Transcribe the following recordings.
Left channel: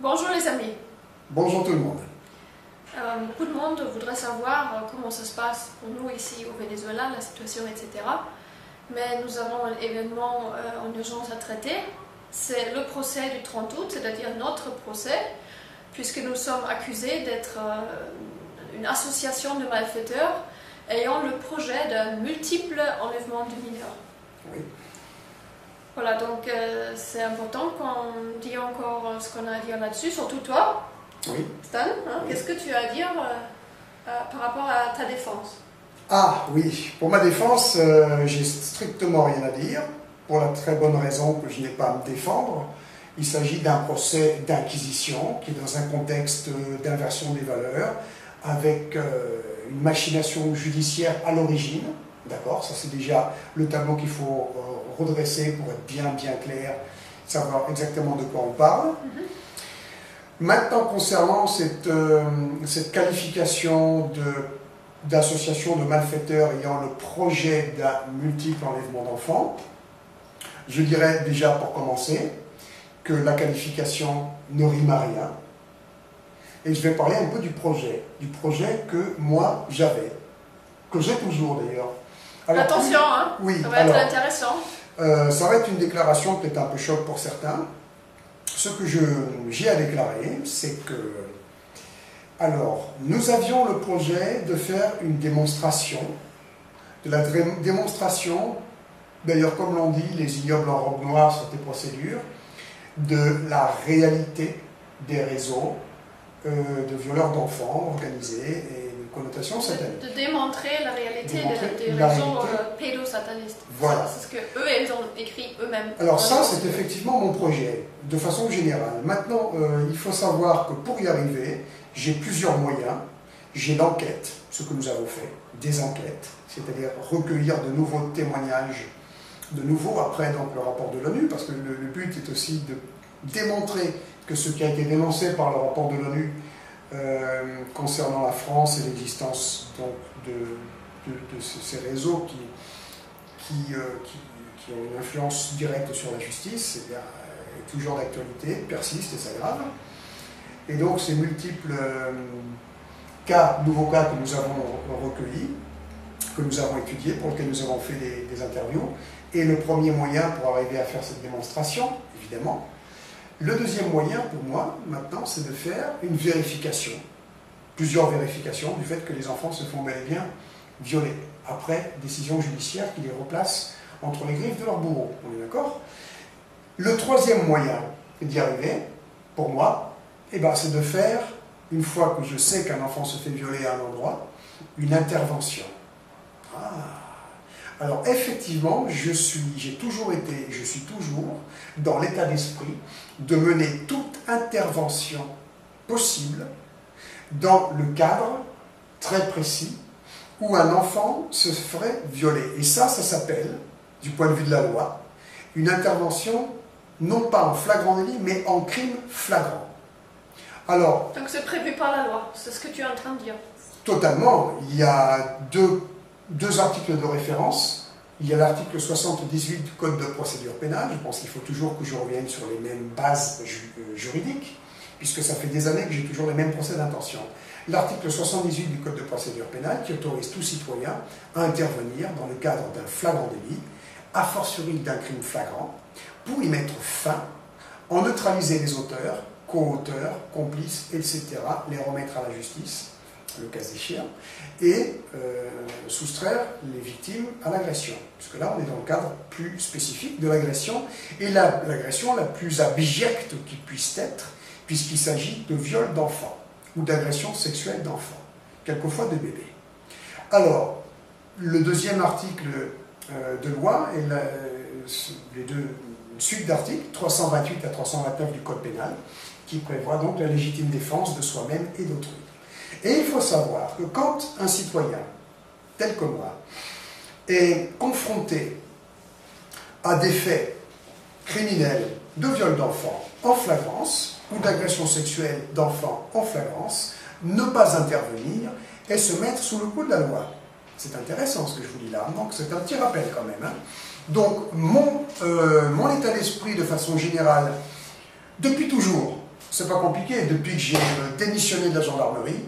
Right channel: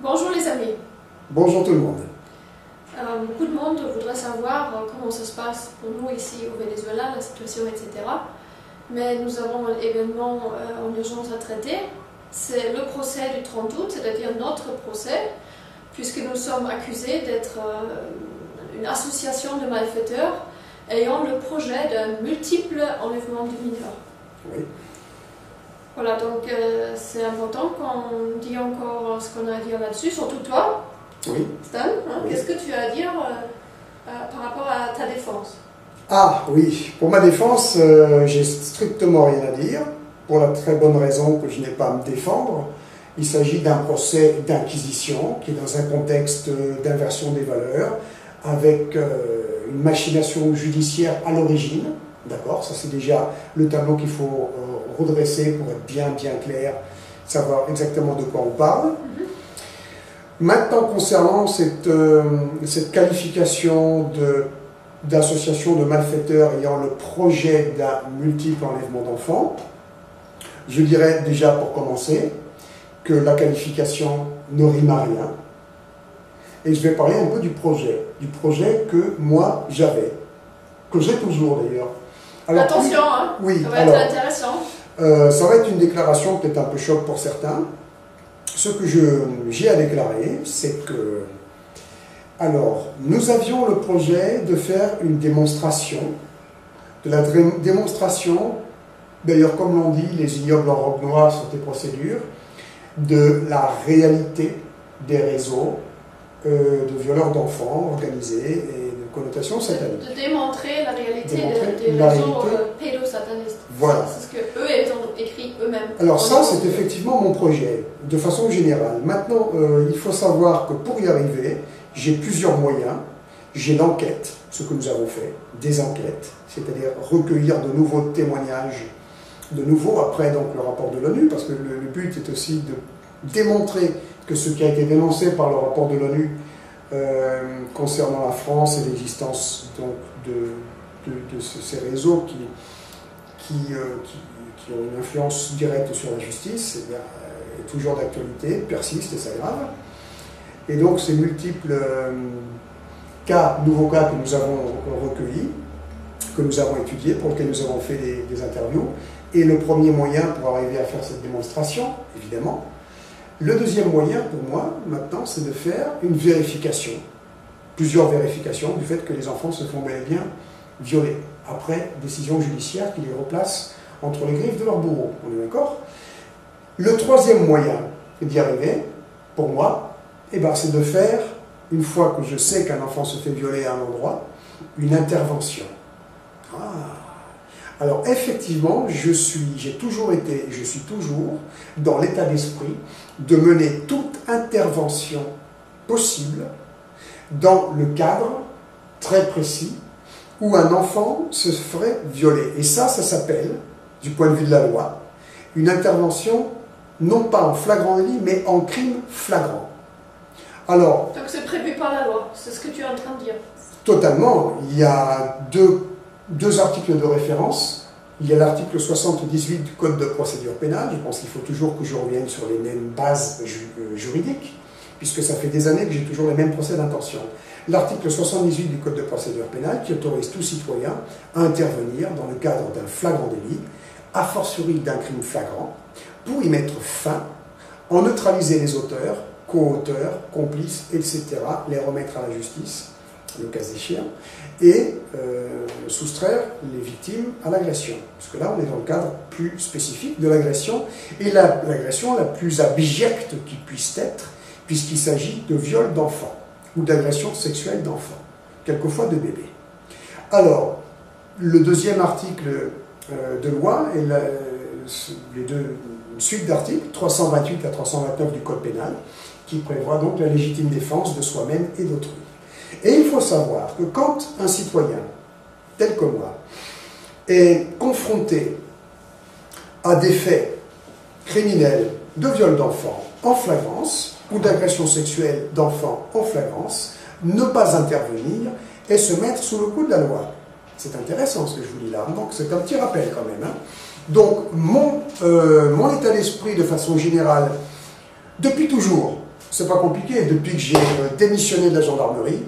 Bonjour les amis. Bonjour tout le monde. Beaucoup de monde voudrait savoir comment ça se passe pour nous ici au Venezuela, la situation, etc. Mais nous avons un événement en urgence à traiter. C'est le procès du 30 août, c'est-à-dire notre procès, puisque nous sommes accusés d'être une association de malfaiteurs ayant le projet d'un multiple enlèvement de mineurs. Oui. Voilà, donc c'est important qu'on dise encore ce qu'on a à dire là-dessus, surtout toi, Oui. Stan. Hein, Oui. qu'est-ce que tu as à dire par rapport à ta défense? Ah oui, pour ma défense, j'ai strictement rien à dire, pour la très bonne raison que je n'ai pas à me défendre. Il s'agit d'un procès d'inquisition qui est dans un contexte d'inversion des valeurs, avec une machination judiciaire à l'origine. D'accord, ça c'est déjà le tableau qu'il faut redresser pour être bien clair, savoir exactement de quoi on parle. Maintenant, concernant cette qualification d'association de malfaiteurs ayant le projet d'un multiple enlèvement d'enfants, je dirais déjà pour commencer que la qualification ne rime à rien. Et je vais parler un peu du projet que moi j'avais, que j'ai toujours d'ailleurs. Alors, Attention, hein, oui, ça va être intéressant. Ça va être une déclaration peut-être un peu choc pour certains. Ce que j'ai à déclarer, c'est que, alors, nous avions le projet de faire une démonstration, de la démonstration, d'ailleurs comme l'on dit, les ignobles en robe noire sur tes procédures, de la réalité des réseaux de violeurs d'enfants organisés et de connotation satanique. De démontrer la réalité des la réseaux réalité. pédosatanistes. Voilà. C'est ce que eux ils ont écrit eux-mêmes. Alors ça, c'est effectivement mon projet, de façon générale. Maintenant, il faut savoir que pour y arriver, j'ai plusieurs moyens. J'ai l'enquête, ce que nous avons fait, des enquêtes, c'est-à-dire recueillir de nouveaux témoignages, de nouveau après donc le rapport de l'ONU, parce que le but est aussi de démontrer que ce qui a été dénoncé par le rapport de l'ONU concernant la France et l'existence donc de ces réseaux qui ont une influence directe sur la justice, est toujours d'actualité, persiste et s'aggrave. Et donc ces multiples nouveaux cas que nous avons recueillis, que nous avons étudiés, pour lesquels nous avons fait des interviews, et le premier moyen pour arriver à faire cette démonstration, évidemment. Le deuxième moyen pour moi, maintenant, c'est de faire une vérification, plusieurs vérifications du fait que les enfants se font bel et bien violer, après décision judiciaire qui les replace entre les griffes de leurs bourreaux. On est d'accord? Le troisième moyen d'y arriver, pour moi, c'est de faire, une fois que je sais qu'un enfant se fait violer à un endroit, une intervention. Alors effectivement, j'ai toujours été, et je suis toujours dans l'état d'esprit de mener toute intervention possible dans le cadre très précis où un enfant se ferait violer. Et ça s'appelle, du point de vue de la loi, une intervention non pas en flagrant délit, mais en crime flagrant. Alors, donc c'est prévu par la loi, c'est ce que tu es en train de dire. Totalement. Il y a deux articles de référence. Il y a l'article 78 du Code de procédure pénale. Je pense qu'il faut toujours que je revienne sur les mêmes bases juridiques, puisque ça fait des années que j'ai toujours les mêmes procès d'intention. L'article 78 du Code de procédure pénale qui autorise tout citoyen à intervenir dans le cadre d'un flagrant délit, a fortiori d'un crime flagrant, pour y mettre fin, en neutraliser les auteurs, co-auteurs, complices, etc., les remettre à la justice, le cas échéant, et soustraire les victimes à l'agression. Puisque là, on est dans le cadre plus spécifique de l'agression, et l'agression la plus abjecte qui puisse être, puisqu'il s'agit de viol d'enfants, ou d'agression sexuelle d'enfants, quelquefois de bébés. Alors, le deuxième article de loi, et une suite d'articles, 328 à 329 du Code pénal, qui prévoit donc la légitime défense de soi-même et d'autrui. Et il faut savoir que quand un citoyen, tel que moi, est confronté à des faits criminels de viol d'enfants en flagrance ou d'agression sexuelle d'enfants en flagrance, ne pas intervenir et se mettre sous le coup de la loi. C'est intéressant ce que je vous dis là, donc c'est un petit rappel quand même. Donc mon état d'esprit de façon générale, depuis toujours, C'est pas compliqué. Depuis que j'ai démissionné de la gendarmerie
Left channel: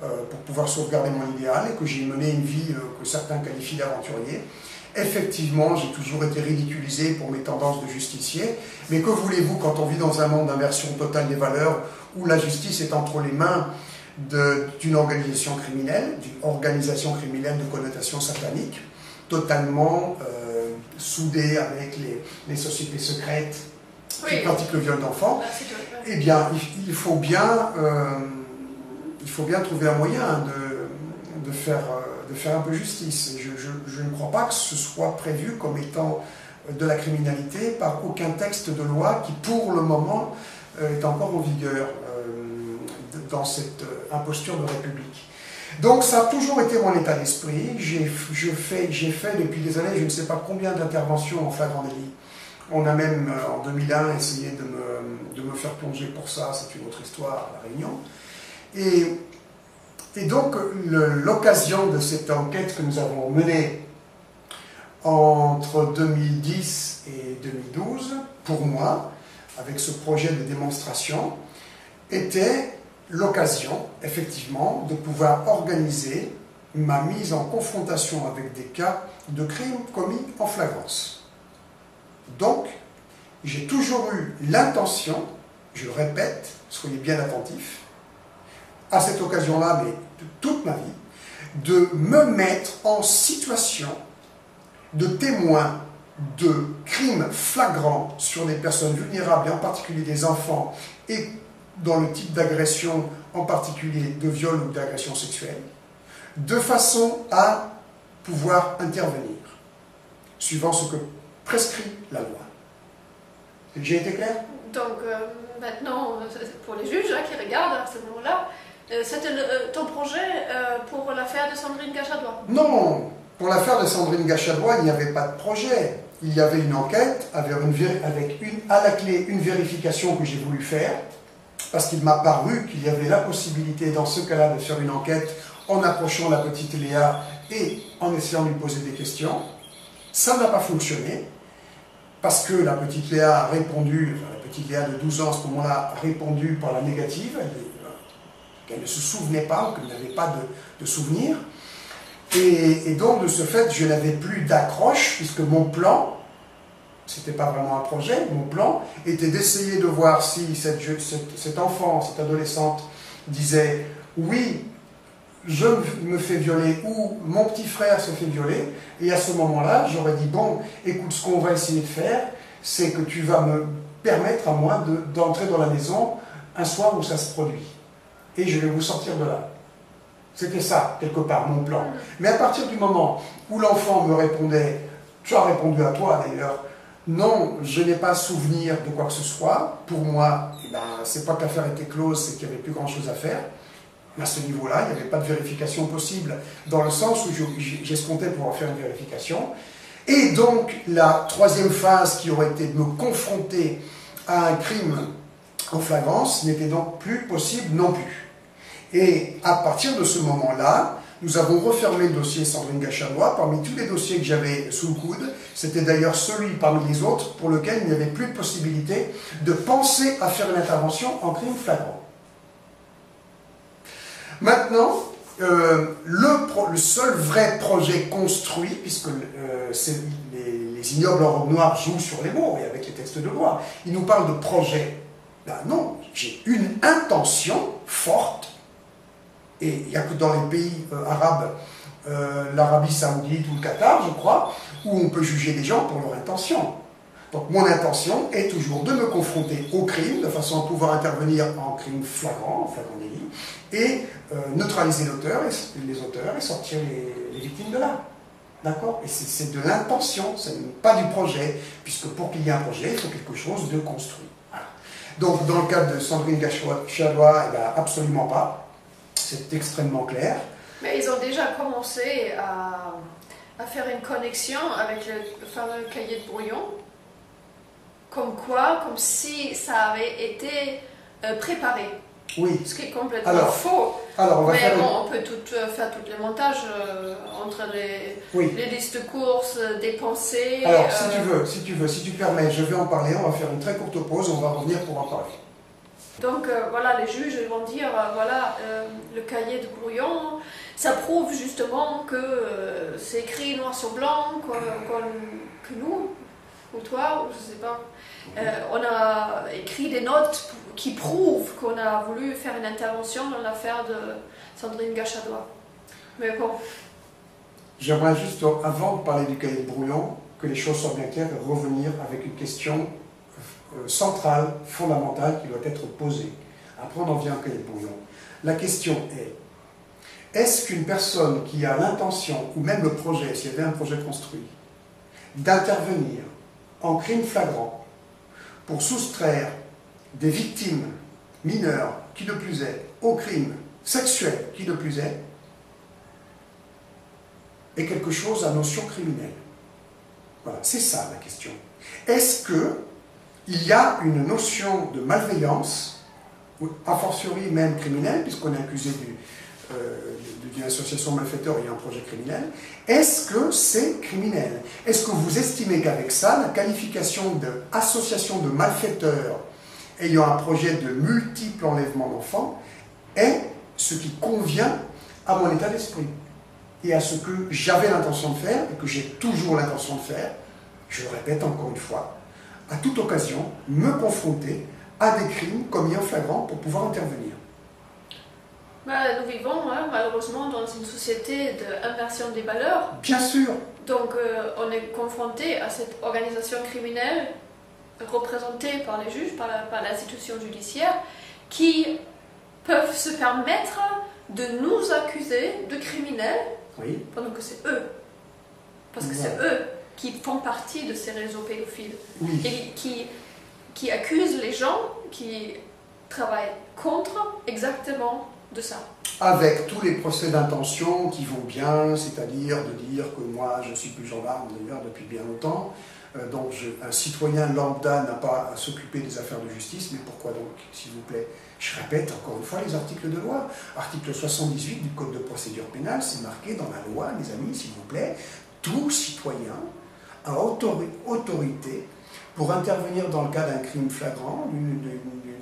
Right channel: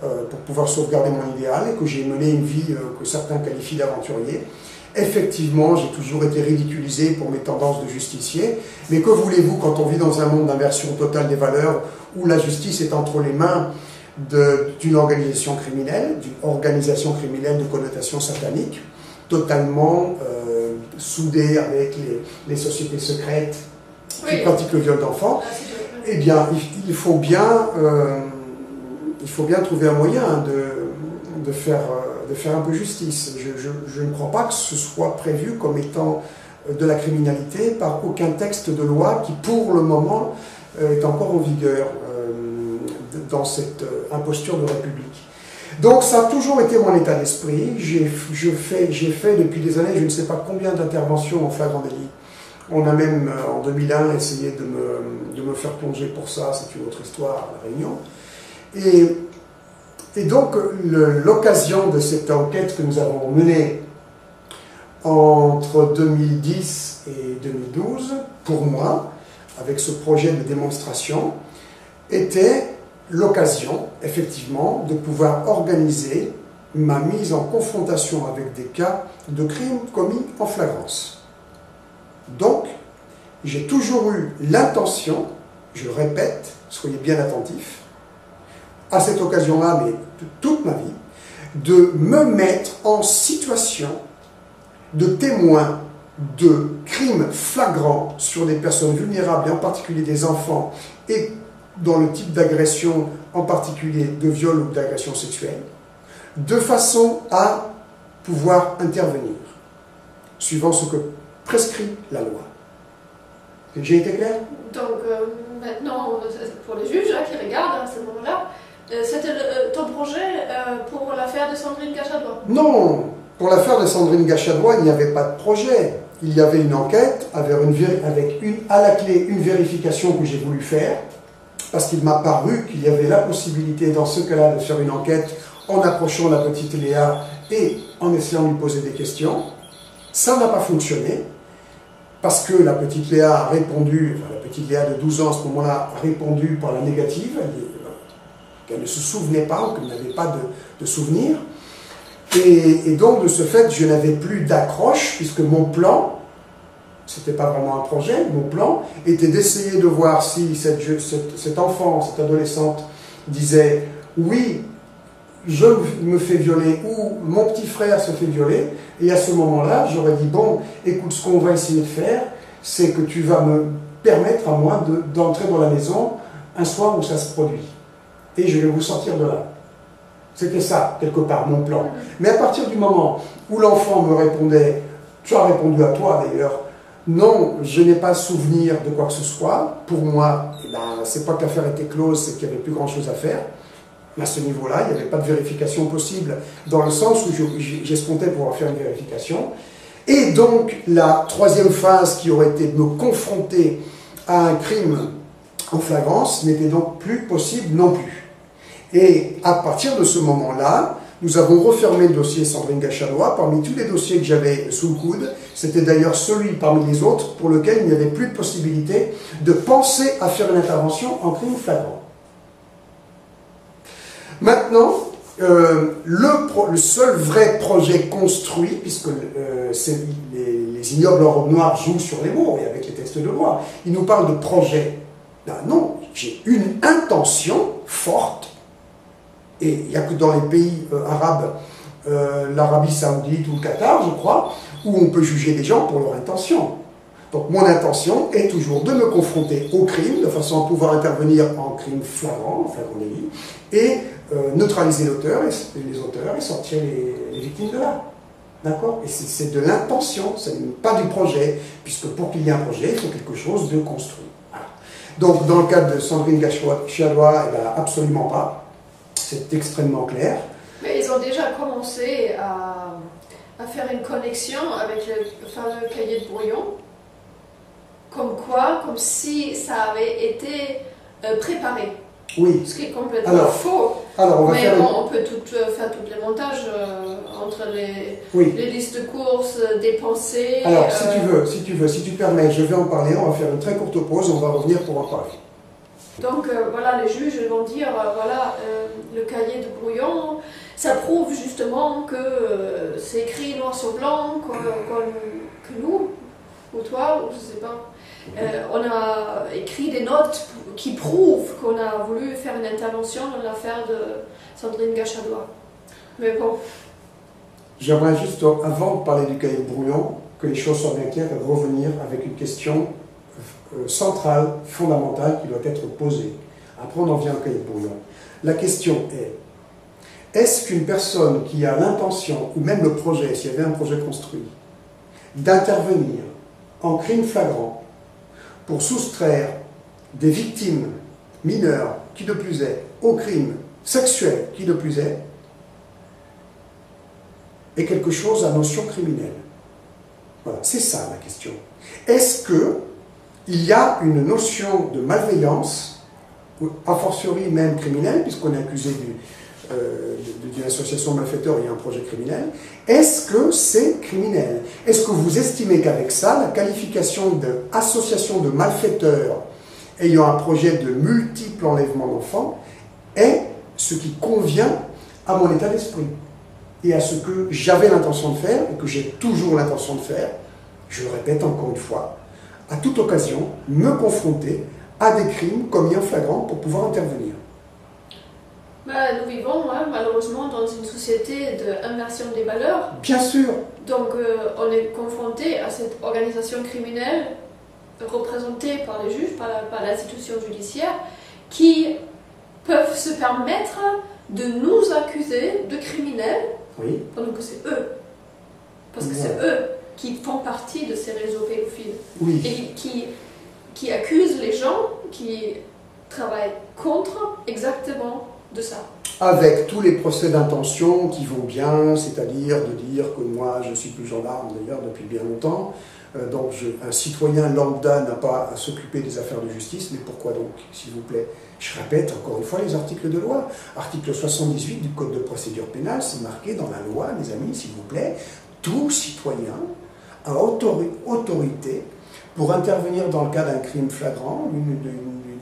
pour pouvoir sauvegarder mon idéal et que j'ai mené une vie que certains qualifient d'aventurier, effectivement, j'ai toujours été ridiculisé pour mes tendances de justicier. Mais que voulez-vous quand on vit dans un monde d'inversion totale des valeurs où la justice est entre les mains d'une organisation criminelle de connotation satanique, totalement soudée avec les sociétés secrètes qui pratiquent le viol d'enfants? Eh bien, il faut bien trouver un moyen de faire un peu justice. Je ne crois pas que ce soit prévu comme étant de la criminalité par aucun texte de loi qui, pour le moment, est encore en vigueur dans cette imposture de République. Donc ça a toujours été mon état d'esprit. J'ai fait depuis des années, je ne sais pas combien d'interventions en flagrant délit. On a même, en 2001, essayé de me faire plonger pour ça, c'est une autre histoire, à La Réunion. Et donc, l'occasion de cette enquête que nous avons menée entre 2010 et 2012, pour moi, avec ce projet de démonstration, était l'occasion, effectivement, de pouvoir organiser ma mise en confrontation avec des cas de crimes commis en flagrance. Donc, j'ai toujours eu l'intention, je le répète, soyez bien attentifs, à cette occasion-là, mais de toute ma vie, de me mettre en situation de témoin de crimes flagrants sur des personnes vulnérables, et en particulier des enfants, et dans le type d'agression, en particulier de viol ou d'agression sexuelle, de façon à pouvoir intervenir, suivant ce que prescrit la loi. J'ai été clair? Donc maintenant, pour les juges qui regardent à ce moment-là, c'était ton projet pour l'affaire de Sandrine Gachadois? Non, pour l'affaire de Sandrine Gachadois, il n'y avait pas de projet. Il y avait une enquête avec à la clé une vérification que j'ai voulu faire, parce qu'il m'a paru qu'il y avait la possibilité dans ce cas-là de faire une enquête en approchant la petite Léa et en essayant de lui poser des questions. Ça n'a pas fonctionné, parce que la petite Léa a répondu, enfin la petite Léa de 12 ans à ce moment-là a répondu par la négative, qu'elle ne se souvenait pas ou qu'elle n'avait pas de souvenir. Et donc, de ce fait, je n'avais plus d'accroche, puisque mon plan, c'était pas vraiment un projet, mon plan était d'essayer de voir si cet enfant, cette adolescente disait « oui, je me fais violer » ou « mon petit frère se fait violer ». Et à ce moment-là, j'aurais dit « bon, écoute, ce qu'on va essayer de faire, c'est que tu vas me permettre à moi d'entrer dans la maison un soir où ça se produit. Et je vais vous sortir de là ». C'était ça, quelque part, mon plan. Mais à partir du moment où l'enfant me répondait, tu as répondu à toi d'ailleurs, non, je n'ai pas souvenir de quoi que ce soit. Pour moi, eh ben, c'est pas que l'affaire était close, c'est qu'il n'y avait plus grand-chose à faire. À ce niveau-là, il n'y avait pas de vérification possible, dans le sens où j'escomptais pouvoir faire une vérification. Et donc, la troisième phase qui aurait été de me confronter à un crime en flagrance n'était donc plus possible non plus. Et à partir de ce moment-là, nous avons refermé le dossier Sandrine Gachadois. Parmi tous les dossiers que j'avais sous le coude, c'était d'ailleurs celui parmi les autres pour lequel il n'y avait plus de possibilité de penser à faire une intervention en crime flagrant. Maintenant, le seul vrai projet construit, puisque les ignobles en robe noire jouent sur les mots et avec les textes de loi, ils nous parlent de projet. Ben non, j'ai une intention forte. Et il n'y a que dans les pays arabes, l'Arabie Saoudite ou le Qatar, je crois, où on peut juger des gens pour leur intention. Donc mon intention est toujours de me confronter au crime, de façon à pouvoir intervenir en crime flagrant, en flagrant délit, et neutraliser l'auteur et les auteurs et sortir les victimes de là. D'accord? Et c'est de l'intention, ce n'est pas du projet, puisque pour qu'il y ait un projet, il faut quelque chose de construit. Voilà. Donc dans le cas de Sandrine Gachadois, eh ben, absolument pas. C'est extrêmement clair. Mais ils ont déjà commencé à faire une connexion avec le fameux cahier de brouillon. Comme quoi, comme si ça avait été préparé. Oui. Ce qui est complètement faux. Alors mais on peut faire tous les montages entre les listes de courses, des pensées. Alors, si tu permets, je vais en parler. On va faire une très courte pause. On va revenir pour en parler. Donc voilà, les juges vont dire, voilà, le cahier de brouillon, ça prouve justement que c'est écrit noir sur blanc, que nous, ou toi, ou je sais pas, on a écrit des notes qui prouvent qu'on a voulu faire une intervention dans l'affaire de Sandrine Gachadois. Mais bon. J'aimerais juste, avant de parler du cahier de brouillon, que les choses soient bien claires et revenir avec une question centrale, fondamentale, qui doit être posée. Après, on en vient au cahier de brouillon. La question est-ce qu'une personne qui a l'intention, ou même le projet, s'il y avait un projet construit, d'intervenir en crime flagrant pour soustraire des victimes mineures, qui de plus est, au crime sexuel, qui de plus est quelque chose à notion criminelle? Voilà, c'est ça la question. Est-ce qu'il y a une notion de malveillance, a fortiori même criminelle, puisqu'on est accusé d'une association malfaiteur, il y a un projet criminel? Est-ce que c'est criminel? Est-ce que vous estimez qu'avec ça, la qualification d'association de malfaiteurs ayant un projet de multiples enlèvements d'enfants est ce qui convient à mon état d'esprit et à ce que j'avais l'intention de faire et que j'ai toujours l'intention de faire, je le répète encore une fois, à toute occasion, me confronter à des crimes commis en flagrant pour pouvoir intervenir. Nous vivons malheureusement dans une société d'inversion des valeurs. Bien sûr. Donc on est confronté à cette organisation criminelle représentée par les juges, par l'institution judiciaire, qui peuvent se permettre de nous accuser de criminels, oui, pendant que c'est eux. Parce que c'est eux qui font partie de ces réseaux pédophiles. Oui. Et qui accusent les gens qui travaillent contre exactement de ça. Avec tous les procès d'intention qui vont bien, c'est-à-dire de dire que moi je ne suis plus gendarme d'ailleurs depuis bien longtemps, donc un citoyen lambda n'a pas à s'occuper des affaires de justice, mais pourquoi donc, s'il vous plaît? Je répète encore une fois les articles de loi. Article 78 du Code de procédure pénale, c'est marqué dans la loi, mes amis, s'il vous plaît, tout citoyen a autorité pour intervenir dans le cas d'un crime flagrant,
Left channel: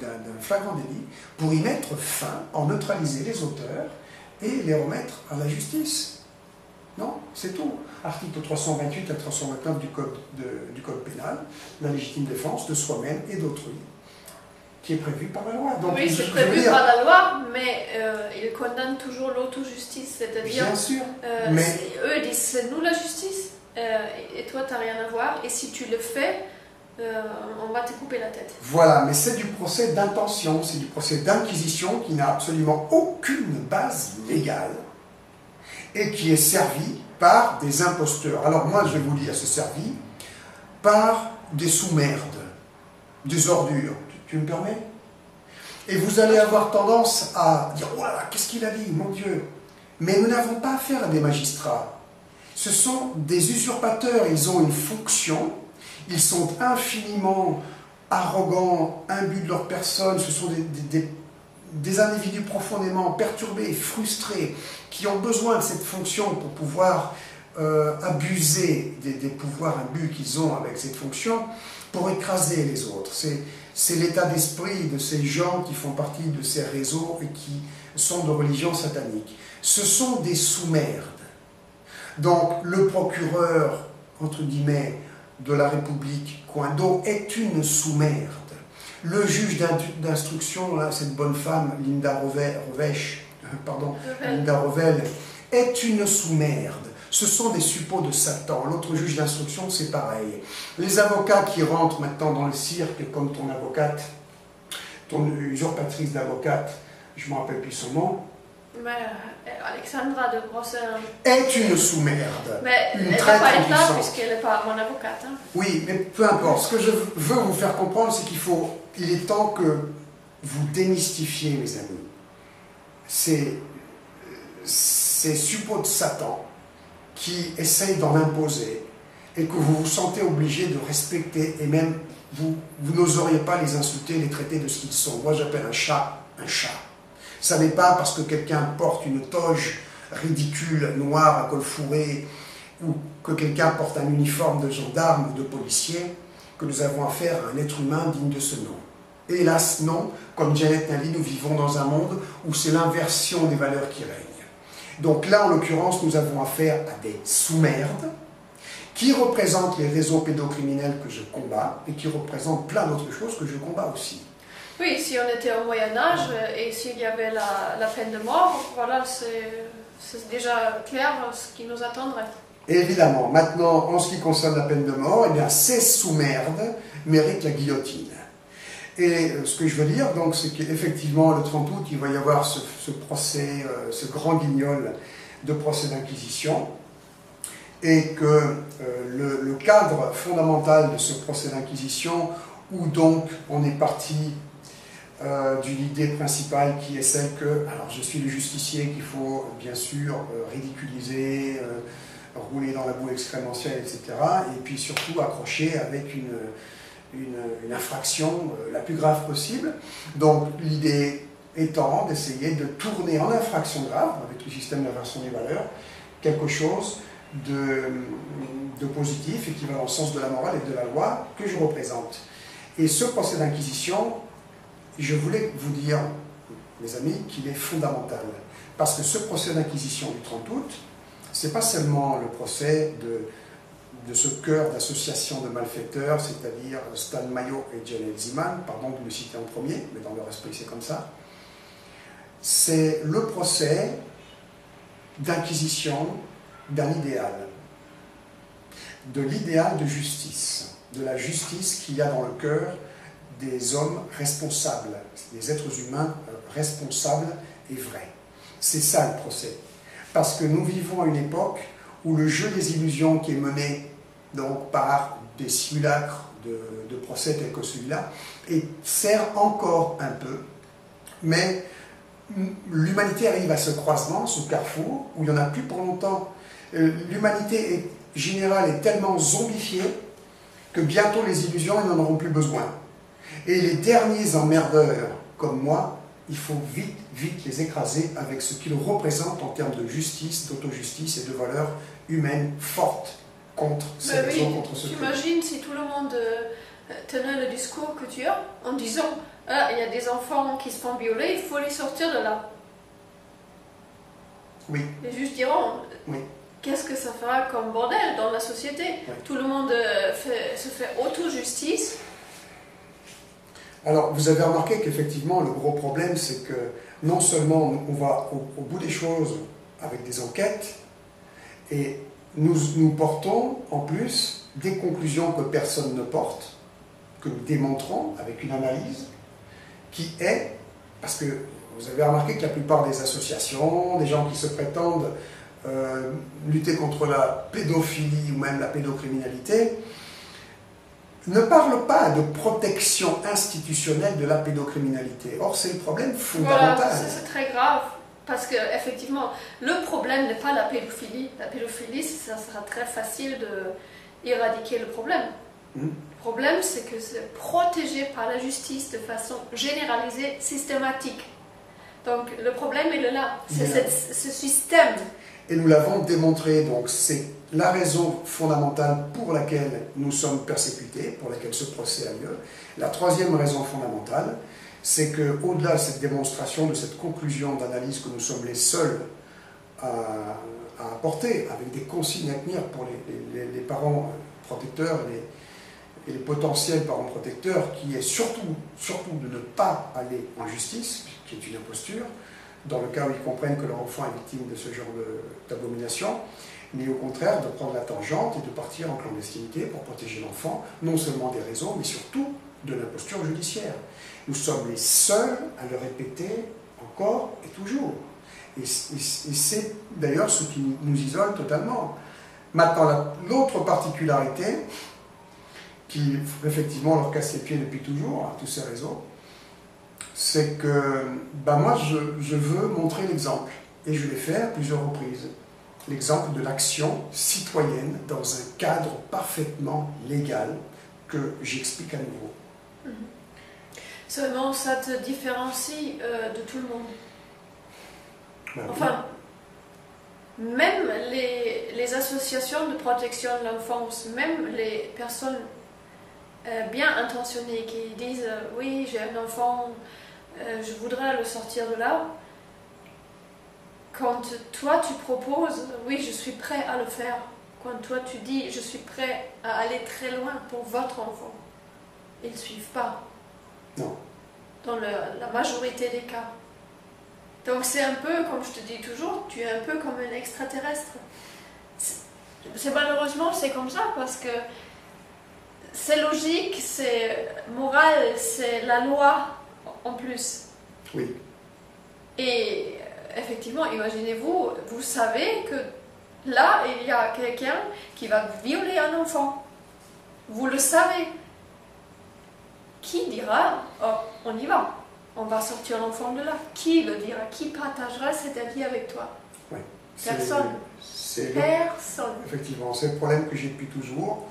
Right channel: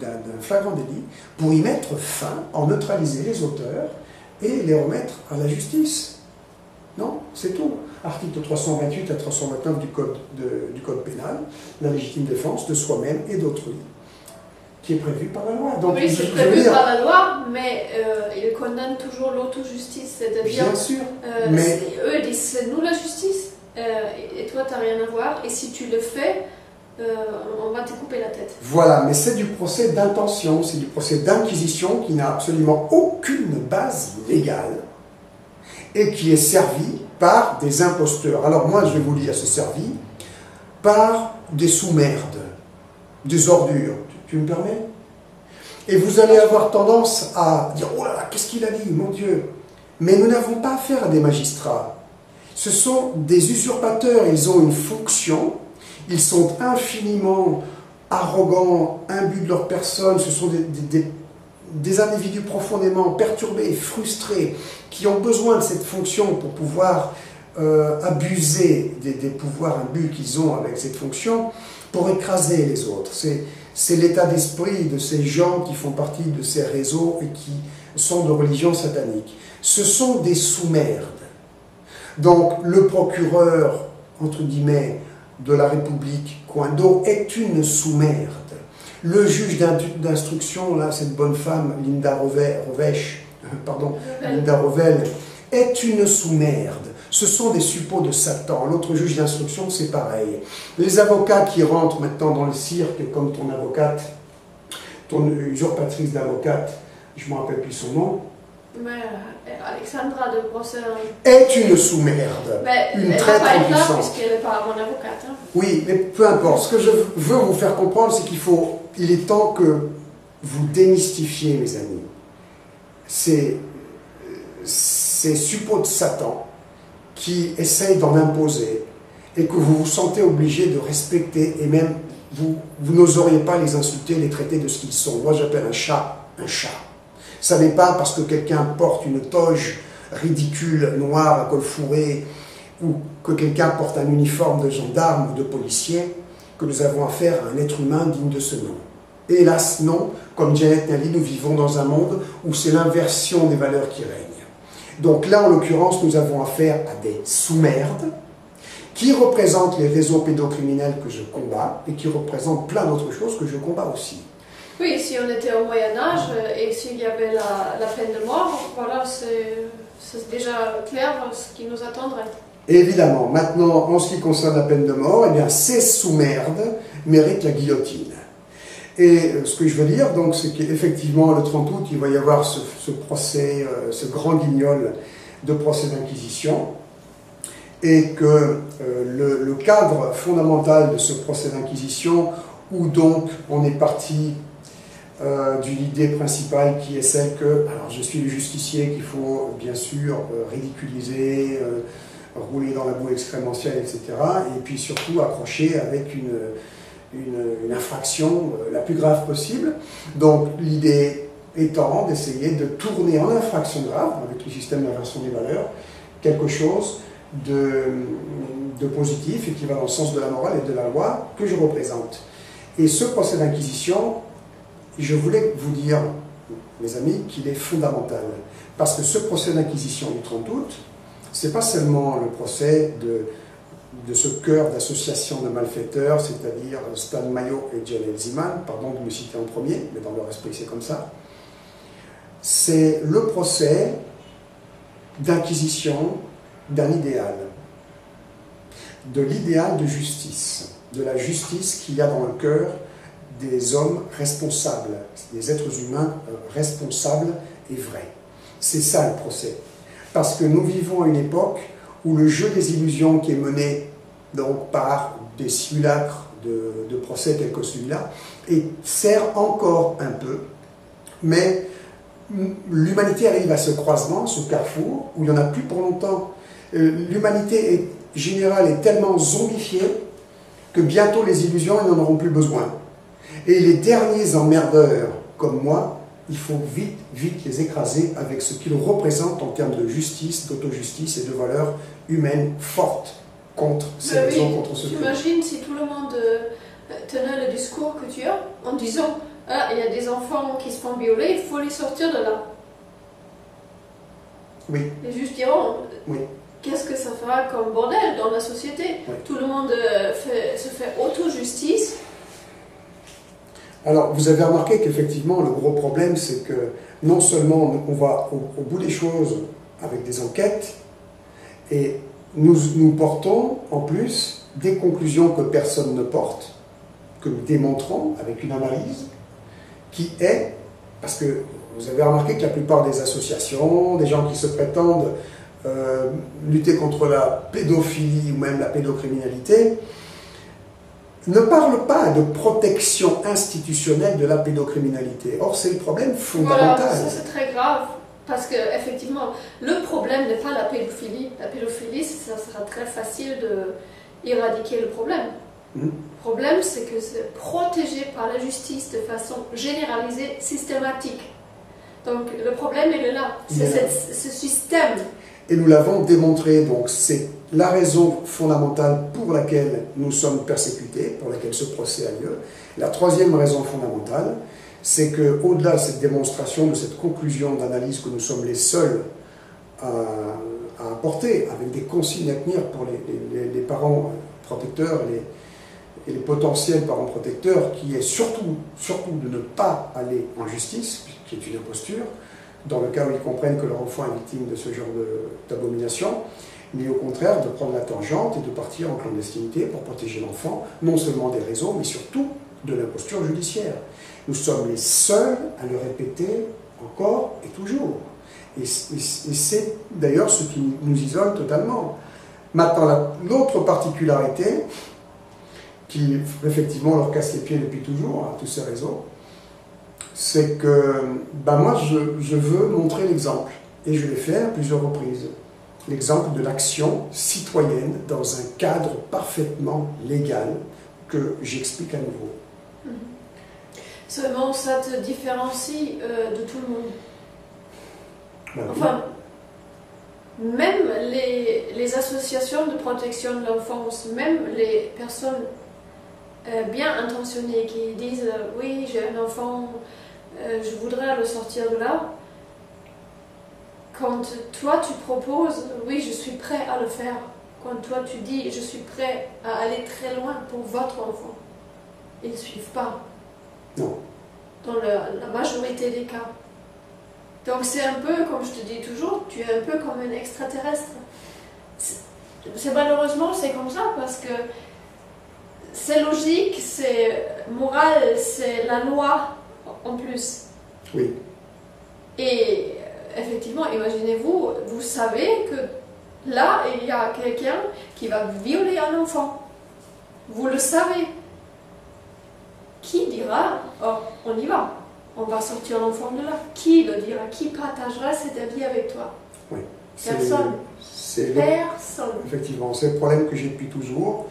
d'un flagrant délit, pour y mettre fin, en neutraliser les auteurs et les remettre à la justice. Non, c'est tout. Article 328 à 329 du Code pénal, la légitime défense de soi-même et d'autrui, qui est prévu par la loi. Donc, oui, c'est prévu par la loi, mais il condamne toujours l'autojustice, c'est-à-dire... Bien sûr, mais... Eux disent, c'est nous la justice, et toi, tu n'as rien à voir, et si tu le fais, on va te couper la tête. Voilà, mais c'est du procès d'intention, c'est du procès d'inquisition qui n'a absolument aucune base légale et qui est servi par des imposteurs. Alors moi, je vais vous dire, c'est servi par des sous-merdes, des ordures. Tu me permets? Et vous allez avoir tendance à dire, oh là là, qu'est-ce qu'il a dit, mon Dieu? Mais nous n'avons pas affaire à des magistrats. Ce sont des usurpateurs, ils ont une fonction, ils sont infiniment arrogants, imbus de leur personne, ce sont des individus profondément perturbés, frustrés, qui ont besoin de cette fonction pour pouvoir abuser des pouvoirs imbus qu'ils ont avec cette fonction, pour écraser les autres. C'est l'état d'esprit de ces gens qui font partie de ces réseaux et qui sont de religion satanique. Ce sont des sous-merdes. Donc le procureur, entre guillemets, de la République, Coindo, est une sous-merde. Le juge d'instruction, là, cette bonne femme, Linda Revel, est une sous-merde. Ce sont des suppôts de Satan. L'autre juge d'instruction, c'est pareil. Les avocats qui rentrent maintenant dans le cirque, comme ton avocate, ton usurpatrice d'avocate, je ne me rappelle plus son nom. Mais Alexandra de Brosser est une sous-merde. Mais une elle traître va pas être là puissante. puisqu'elle n'est pas mon avocate. Hein. Oui, mais peu importe. Ce que je veux vous faire comprendre, c'est qu'il est temps que vous démystifiez, mes amis, ces suppôts de Satan qui essayent d'en imposer et que vous vous sentez obligé de respecter et même vous n'oseriez pas les insulter, les traiter de ce qu'ils sont. Moi, j'appelle un chat un chat. Ça n'est pas parce que quelqu'un porte une toge ridicule, noire, à col fourré, ou que quelqu'un porte un uniforme de gendarme ou de policier, que nous avons affaire à un être humain digne de ce nom. Hélas, non. Comme Janet Nally, nous vivons dans un monde où c'est l'inversion des valeurs qui règne. Donc là, en l'occurrence, nous avons affaire à des sous-merdes qui représentent les réseaux pédocriminels que je combats et qui représentent plein d'autres choses que je combats aussi. Oui, si on était au Moyen-Âge et s'il y avait la peine de mort, voilà, c'est déjà clair ce qui nous attendrait. Évidemment, maintenant, en ce qui concerne la peine de mort, eh bien, ces sous-merdes méritent la guillotine. Et ce que je veux dire, donc, c'est qu'effectivement, le 30 août, il va y avoir ce procès, ce grand guignol de procès d'inquisition, et que le cadre fondamental de ce procès d'inquisition, où donc on est parti d'une idée principale qui est celle que, alors je suis le justicier qu'il faut bien sûr ridiculiser, rouler dans la boue excrémentielle, etc. Et puis surtout accrocher avec une infraction la plus grave possible. Donc l'idée étant d'essayer de tourner en infraction grave, avec le système d'inversion des valeurs, quelque chose de positif et qui va dans le sens de la morale et de la loi que je représente. Et ce procès d'inquisition, je voulais vous dire, mes amis, qu'il est fondamental. Parce que ce procès d'inquisition du 30 août, c'est pas seulement le procès de ce cœur d'association de malfaiteurs, c'est-à-dire Stan Mayo et Jen Elziman, pardon de me citer en premier, mais dans leur esprit c'est comme ça. C'est le procès d'inquisition d'un idéal, de l'idéal de justice, de la justice qu'il y a dans le cœur des hommes responsables, des êtres humains responsables et vrais. C'est ça le procès. Parce que nous vivons à une époque où le jeu des illusions qui est mené donc, par des simulacres de procès tels que celui-là sert encore un peu, mais l'humanité arrive à ce croisement, ce carrefour, où il n'y en a plus pour longtemps. L'humanité générale est tellement zombifiée que bientôt les illusions n'en auront plus besoin. Et les derniers emmerdeurs, comme moi, il faut vite, vite les écraser avec ce qu'ils représentent en termes de justice, d'autojustice et de valeurs humaines fortes contre ces raisons, contre ce que... T'imagines si tout le monde tenait le discours que tu as en disant « Ah, il y a des enfants qui se font violer, il faut les sortir de là. » Oui. Les juges diront oui. Qu'est-ce que ça fera comme bordel dans la société? Oui. Tout le monde se fait auto-justice. Alors, vous avez remarqué qu'effectivement, le gros problème, c'est que non seulement on va au bout des choses avec des enquêtes, et nous portons en plus des conclusions que personne ne porte, que nous démontrons avec une analyse, qui est, parce que vous avez remarqué que la plupart des associations, des gens qui se prétendent lutter contre la pédophilie ou même la pédocriminalité, ne parle pas de protection institutionnelle de la pédocriminalité. Or, c'est le problème fondamental. Voilà, ça c'est très grave, parce que effectivement, le problème n'est pas la pédophilie. La pédophilie, ça sera très facile d'éradiquer le problème. Le problème, c'est que c'est protégé par la justice de façon généralisée, systématique. Donc, le problème, il est là. C'est ce système. Et nous l'avons démontré, donc c'est la raison fondamentale pour laquelle nous sommes persécutés, pour laquelle ce procès a lieu. La troisième raison fondamentale, c'est qu'au-delà de cette démonstration, de cette conclusion d'analyse que nous sommes les seuls à apporter, avec des consignes à tenir pour les parents protecteurs et les potentiels parents protecteurs, qui est surtout de ne pas aller en justice, qui est une imposture, dans le cas où ils comprennent que leur enfant est victime de ce genre d'abomination, mais au contraire de prendre la tangente et de partir en clandestinité pour protéger l'enfant, non seulement des réseaux, mais surtout de l'imposture judiciaire. Nous sommes les seuls à le répéter encore et toujours. Et c'est d'ailleurs ce qui nous isole totalement. Maintenant, l'autre particularité, qui effectivement leur casse les pieds depuis toujours, à tous ces réseaux, c'est que moi je veux montrer l'exemple, et je l'ai fait à plusieurs reprises, l'exemple de l'action citoyenne dans un cadre parfaitement légal que j'explique à nouveau. Seulement ça te différencie de tout le monde. Ben oui. Enfin, même les associations de protection de l'enfance, même les personnes bien intentionnés qui disent oui, j'ai un enfant, je voudrais le sortir de là. Quand toi tu proposes, oui, je suis prêt à le faire. Quand toi tu dis, je suis prêt à aller très loin pour votre enfant, ils ne suivent pas. Non. Dans la majorité des cas. Donc c'est un peu, comme je te dis toujours, tu es un peu comme un extraterrestre. Malheureusement, c'est comme ça, parce que c'est logique, c'est moral, c'est la loi en plus. Oui. Et effectivement, imaginez-vous, vous savez que là, il y a quelqu'un qui va violer un enfant. Vous le savez. Qui dira, oh, on y va, on va sortir l'enfant de là? Qui le dira? Qui partagera cet avis avec toi? Oui. Personne. Personne. Effectivement, c'est le problème que j'ai depuis toujours.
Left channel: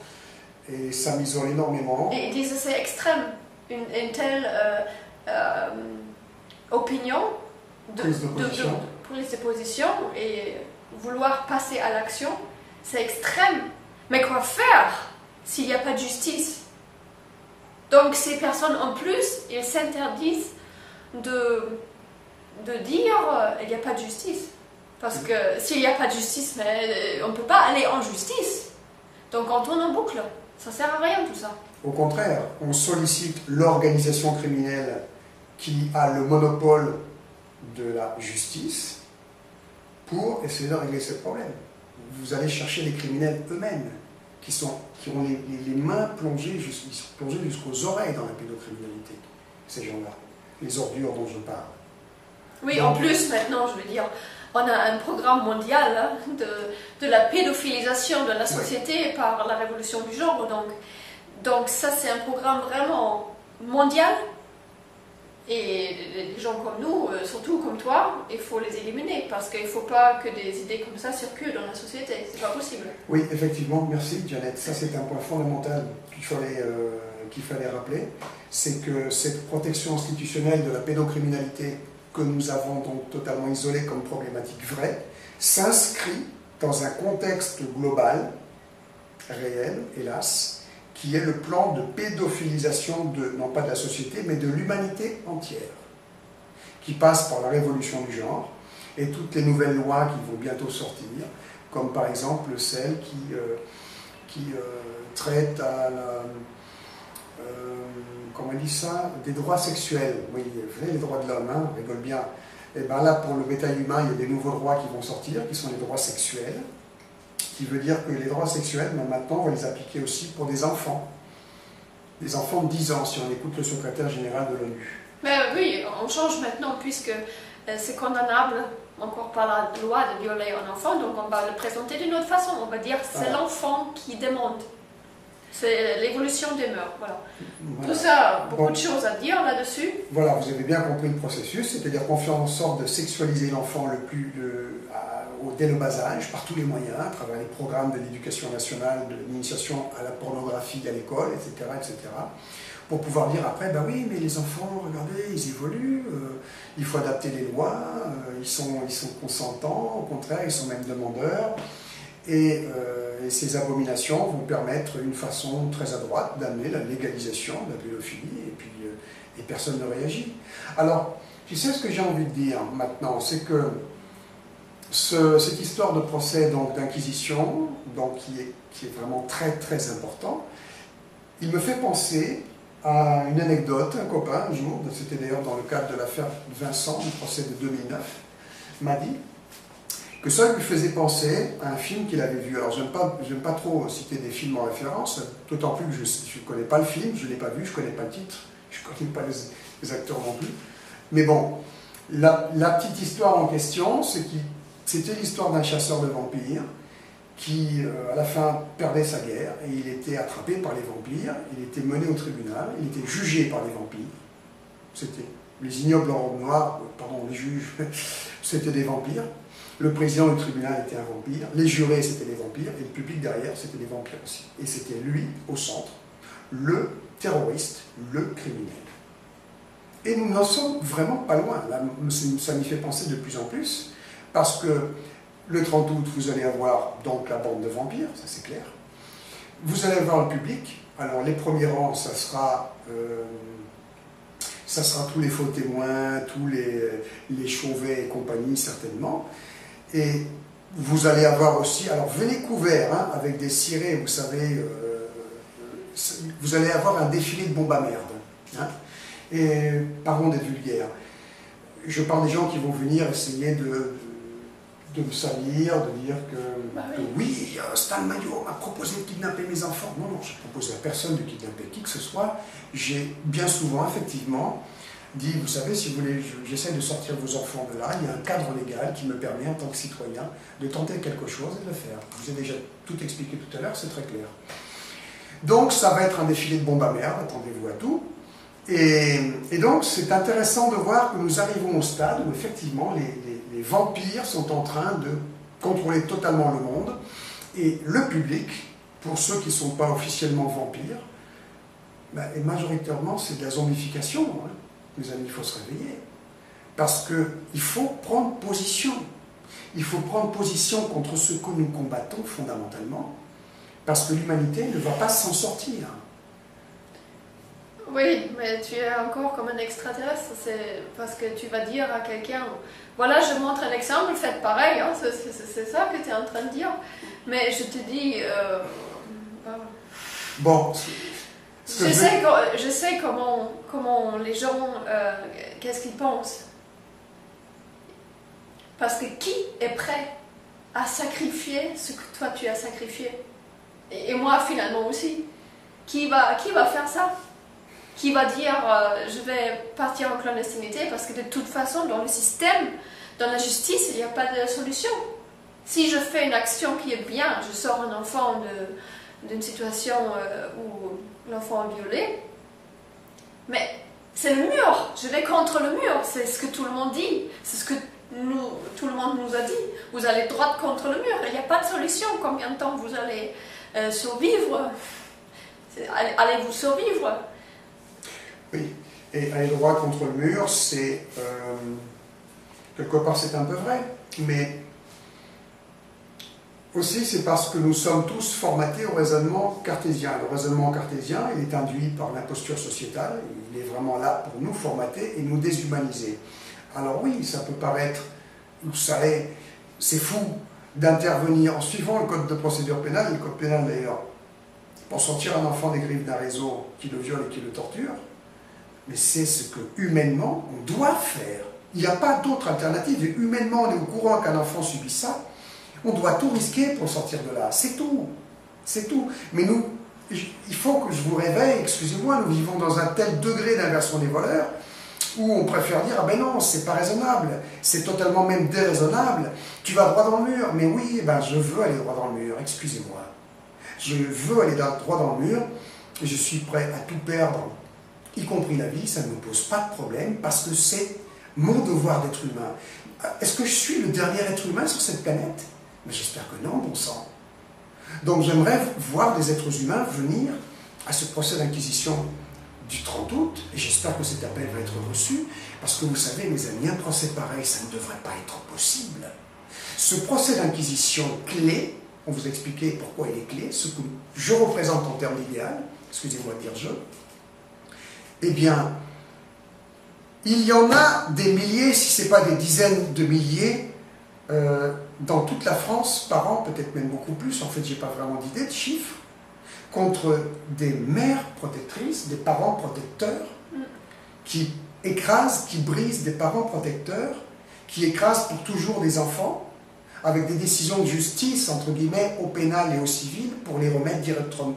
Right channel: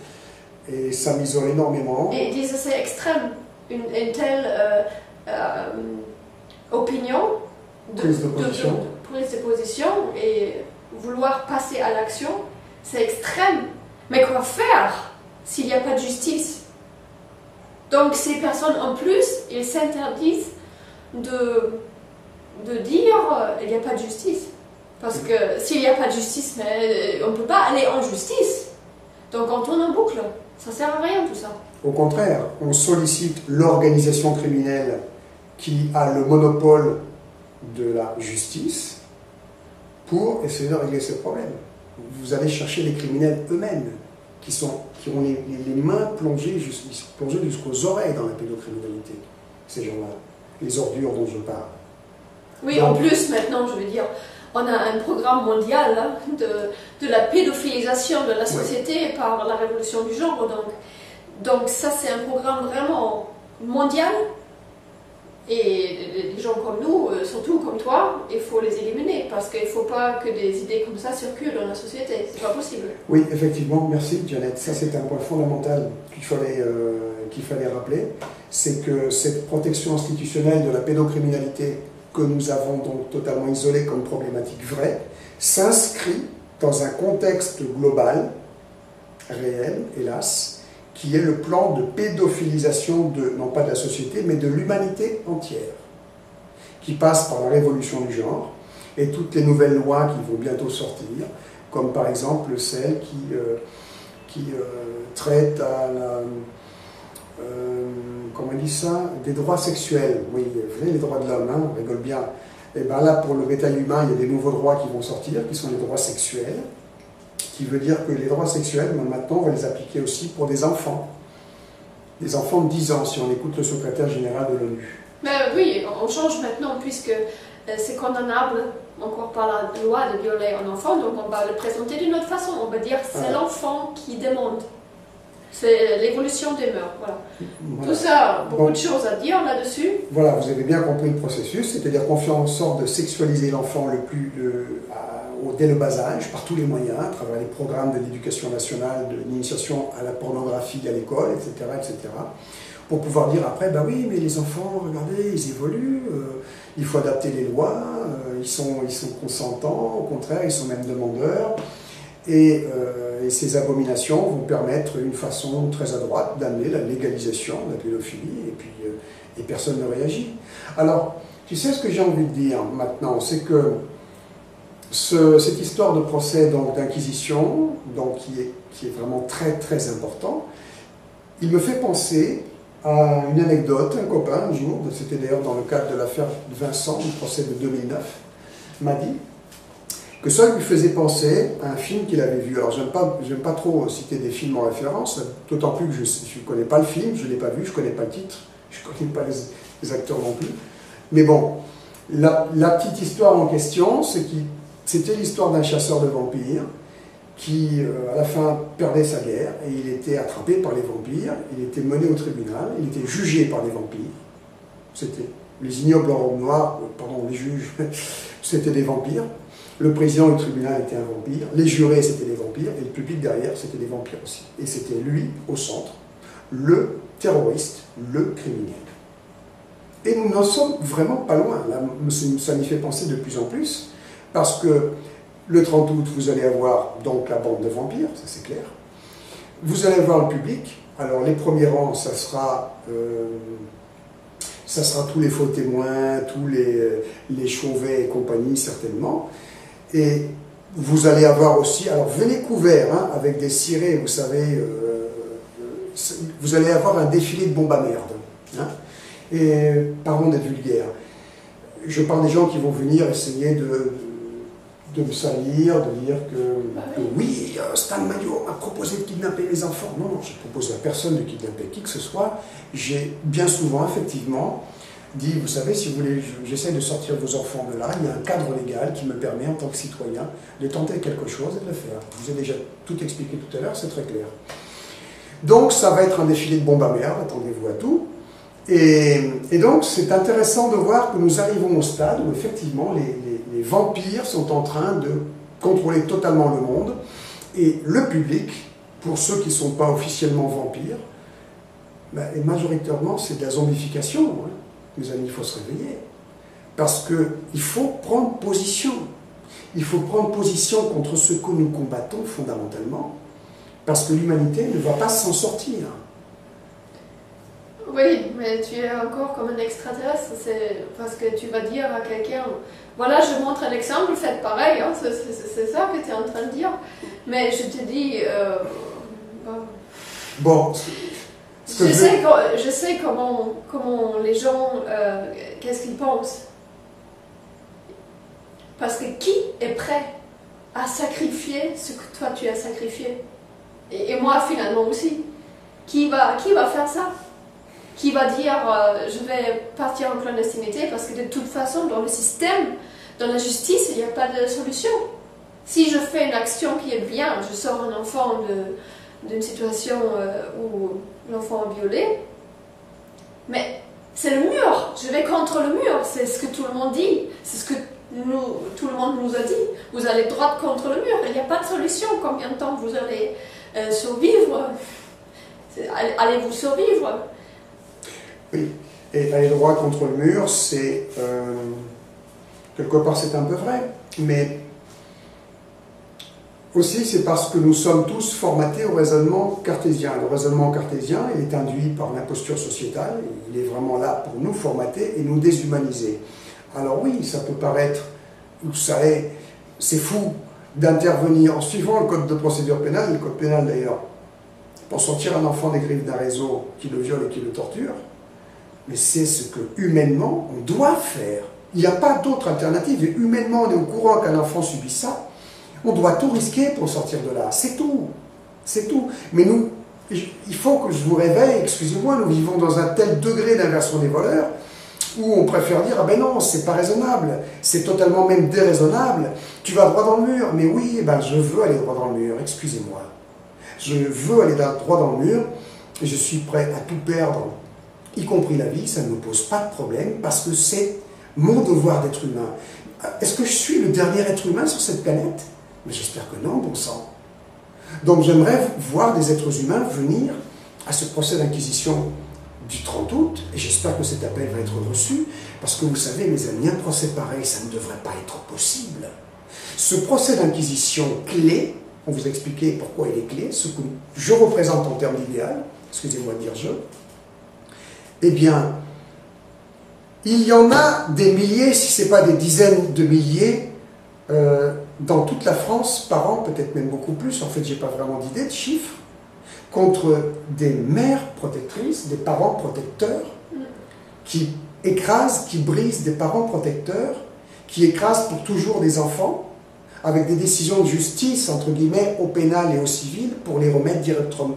Et ça m'isole énormément. Et ils disent c'est extrême. Une telle opinion, Prise de position. prise de position et vouloir passer à l'action, c'est extrême. Mais quoi faire s'il n'y a pas de justice? Donc ces personnes en plus, ils s'interdisent de dire il n'y a pas de justice. Parce que s'il n'y a pas de justice, mais on ne peut pas aller en justice. Donc on tourne en boucle. Ça ne sert à rien tout ça. Au contraire, on sollicite l'organisation criminelle qui a le monopole de la justice pour essayer de régler ce problème. Vous allez chercher les criminels eux-mêmes qui ont les mains plongées jusqu'aux oreilles dans la pédocriminalité, ces gens-là, les ordures dont je parle. Oui, donc, en plus, maintenant, je veux dire, on a un programme mondial hein, de la pédophilisation de la société par la révolution du genre. Donc ça, c'est un programme vraiment mondial. Et des gens comme nous, surtout comme toi, il faut les éliminer parce qu'il ne faut pas que des idées comme ça circulent dans la société. C'est pas possible. Oui, effectivement, merci Dianette. Ça, c'est un point fondamental qu'il fallait rappeler. C'est que cette protection institutionnelle de la pédocriminalité que nous avons donc totalement isolée comme problématique vraie s'inscrit dans un contexte global, réel, hélas, qui est le plan de pédophilisation non pas de la société, mais de l'humanité entière, qui passe par la révolution du genre et toutes les nouvelles lois qui vont bientôt sortir, comme par exemple celle qui traite à la... comment on dit ça? Des droits sexuels. Oui, vous savez, les droits de l'homme, hein, on rigole bien. Et bien là, pour le bétail humain, il y a des nouveaux droits qui vont sortir, qui sont les droits sexuels, qui veut dire que les droits sexuels, maintenant, on va les appliquer aussi pour des enfants. Des enfants de 10 ans, si on écoute le secrétaire général de l'ONU. Mais oui, on change maintenant, puisque c'est condamnable encore par la loi de violer un enfant, donc on va le présenter d'une autre façon. On va dire que c'est l'enfant qui demande. C'est l'évolution des mœurs, voilà. Tout ça, beaucoup de choses à dire là-dessus. Voilà, vous avez bien compris le processus, c'est-à-dire qu'on fait en sorte de sexualiser l'enfant dès le bas âge, par tous les moyens, à travers les programmes de l'éducation nationale, de l'initiation à la pornographie à l'école, etc., etc., pour pouvoir dire après, ben oui, mais les enfants, regardez, ils évoluent, il faut adapter les lois, ils sont consentants, au contraire, ils sont même demandeurs. Et ces abominations vont permettre une façon très à droite d'amener la légalisation de la pédophilie, et personne ne réagit. Alors, tu sais ce que j'ai envie de dire maintenant, c'est que cette histoire de procès d'inquisition, qui est vraiment très très important, il me fait penser à une anecdote. Un copain, un jour, c'était d'ailleurs dans le cadre de l'affaire Vincent, du procès de 2009, m'a dit que ça lui faisait penser à un film qu'il avait vu. Alors, j'aime pas trop citer des films en référence, d'autant plus que je ne connais pas le film, je ne l'ai pas vu, je ne connais pas le titre, je ne connais pas les acteurs non plus. Mais bon, la petite histoire en question, c'était l'histoire d'un chasseur de vampires qui, à la fin, perdait sa guerre et il était attrapé par les vampires, il était mené au tribunal, il était jugé par les vampires. C'était les ignobles en robe noire, pardon, les juges, c'était des vampires. Le président du tribunal était un vampire, les jurés c'était des vampires, et le public derrière c'était des vampires aussi. Et c'était lui, au centre, le terroriste, le criminel. Et nous n'en sommes vraiment pas loin. Là, ça m'y fait penser de plus en plus, parce que le 30 août, vous allez avoir donc la bande de vampires, ça c'est clair. Vous allez avoir le public Alors les premiers rangs, ça sera tous les faux témoins, tous les Chauvet et compagnie certainement. Et vous allez avoir aussi, alors venez couverts, hein, avec des cirés, vous savez, vous allez avoir un défilé de bombes à merde. Hein, et pardon d'être vulgaire. Je parle des gens qui vont venir essayer de me salir, de dire que oui, Stan Mayo m'a proposé de kidnapper mes enfants. Non, non, je n'ai proposé à personne de kidnapper qui que ce soit. J'ai bien souvent, effectivement, dit, vous savez, si vous voulez, j'essaie de sortir vos enfants de là, il y a un cadre légal qui me permet, en tant que citoyen, de tenter quelque chose et de le faire. Je vous ai déjà tout expliqué tout à l'heure, c'est très clair. Donc, ça va être un défilé de bombes à merde, attendez-vous à tout. Et donc, c'est intéressant de voir que nous arrivons au stade où, effectivement, les vampires sont en train de contrôler totalement le monde. Et le public, pour ceux qui ne sont pas officiellement vampires, et majoritairement, c'est de la zombification. Hein. Les amis, il faut se réveiller. Parce qu'il faut prendre position. Il faut prendre position contre ce que nous combattons fondamentalement. Parce que l'humanité ne va pas s'en sortir. Oui, mais tu es encore comme un extraterrestre, c'est parce que tu vas dire à quelqu'un, voilà, je montre un exemple, faites pareil, hein, c'est ça que tu es en train de dire. Mais je te dis... Bon, je sais comment les gens, qu'est-ce qu'ils pensent. Parce que qui est prêt à sacrifier ce que toi tu as sacrifié? Et moi finalement aussi. Qui va faire ça? Qui va dire je vais partir en clandestinité parce que de toute façon dans le système, dans la justice, il n'y a pas de solution. Si je fais une action qui est bien, je sors un enfant d'une situation où l'enfant est violé, mais c'est le mur, je vais contre le mur, c'est ce que tout le monde dit, c'est ce que tout le monde nous a dit, vous allez droit contre le mur, il n'y a pas de solution, combien de temps vous allez survivre, allez-vous survivre? Oui, et aller droit contre le mur, c'est quelque part c'est un peu vrai, mais aussi c'est parce que nous sommes tous formatés au raisonnement cartésien. Le raisonnement cartésien, il est induit par l'imposture sociétale, il est vraiment là pour nous formater et nous déshumaniser. Alors oui, ça peut paraître, vous savez, c'est fou d'intervenir en suivant le code de procédure pénale, le code pénal d'ailleurs, pour sortir un enfant des griffes d'un réseau qui le viole et qui le torture. Mais c'est ce que, humainement, on doit faire. Il n'y a pas d'autre alternative. Et humainement, on est au courant qu'un enfant subit ça. On doit tout risquer pour sortir de là. C'est tout. C'est tout. Mais nous, il faut que je vous réveille, excusez-moi, nous vivons dans un tel degré d'inversion des voleurs où on préfère dire, ah ben non, c'est pas raisonnable. C'est totalement même déraisonnable. Tu vas droit dans le mur. Mais oui, ben je veux aller droit dans le mur. Excusez-moi. Je veux aller droit dans le mur. Et je suis prêt à tout perdre, y compris la vie, ça ne me pose pas de problème, parce que c'est mon devoir d'être humain. Est-ce que je suis le dernier être humain sur cette planète? Mais j'espère que non, bon sang. Donc j'aimerais voir des êtres humains venir à ce procès d'inquisition du 30 août, et j'espère que cet appel va être reçu, parce que vous savez, mes amis, un procès pareil, ça ne devrait pas être possible. Ce procès d'inquisition clé, on vous a expliqué pourquoi il est clé, ce que je représente en termes d'idéal, excusez-moi de dire je, eh bien, il y en a des milliers, si ce n'est pas des dizaines de milliers, dans toute la France par an, peut-être même beaucoup plus, en fait, je n'ai pas vraiment d'idée de chiffres, contre des mères protectrices, des parents protecteurs, qui écrasent, qui brisent des parents protecteurs, qui écrasent pour toujours des enfants, avec des décisions de justice, entre guillemets, au pénal et au civil, pour les remettre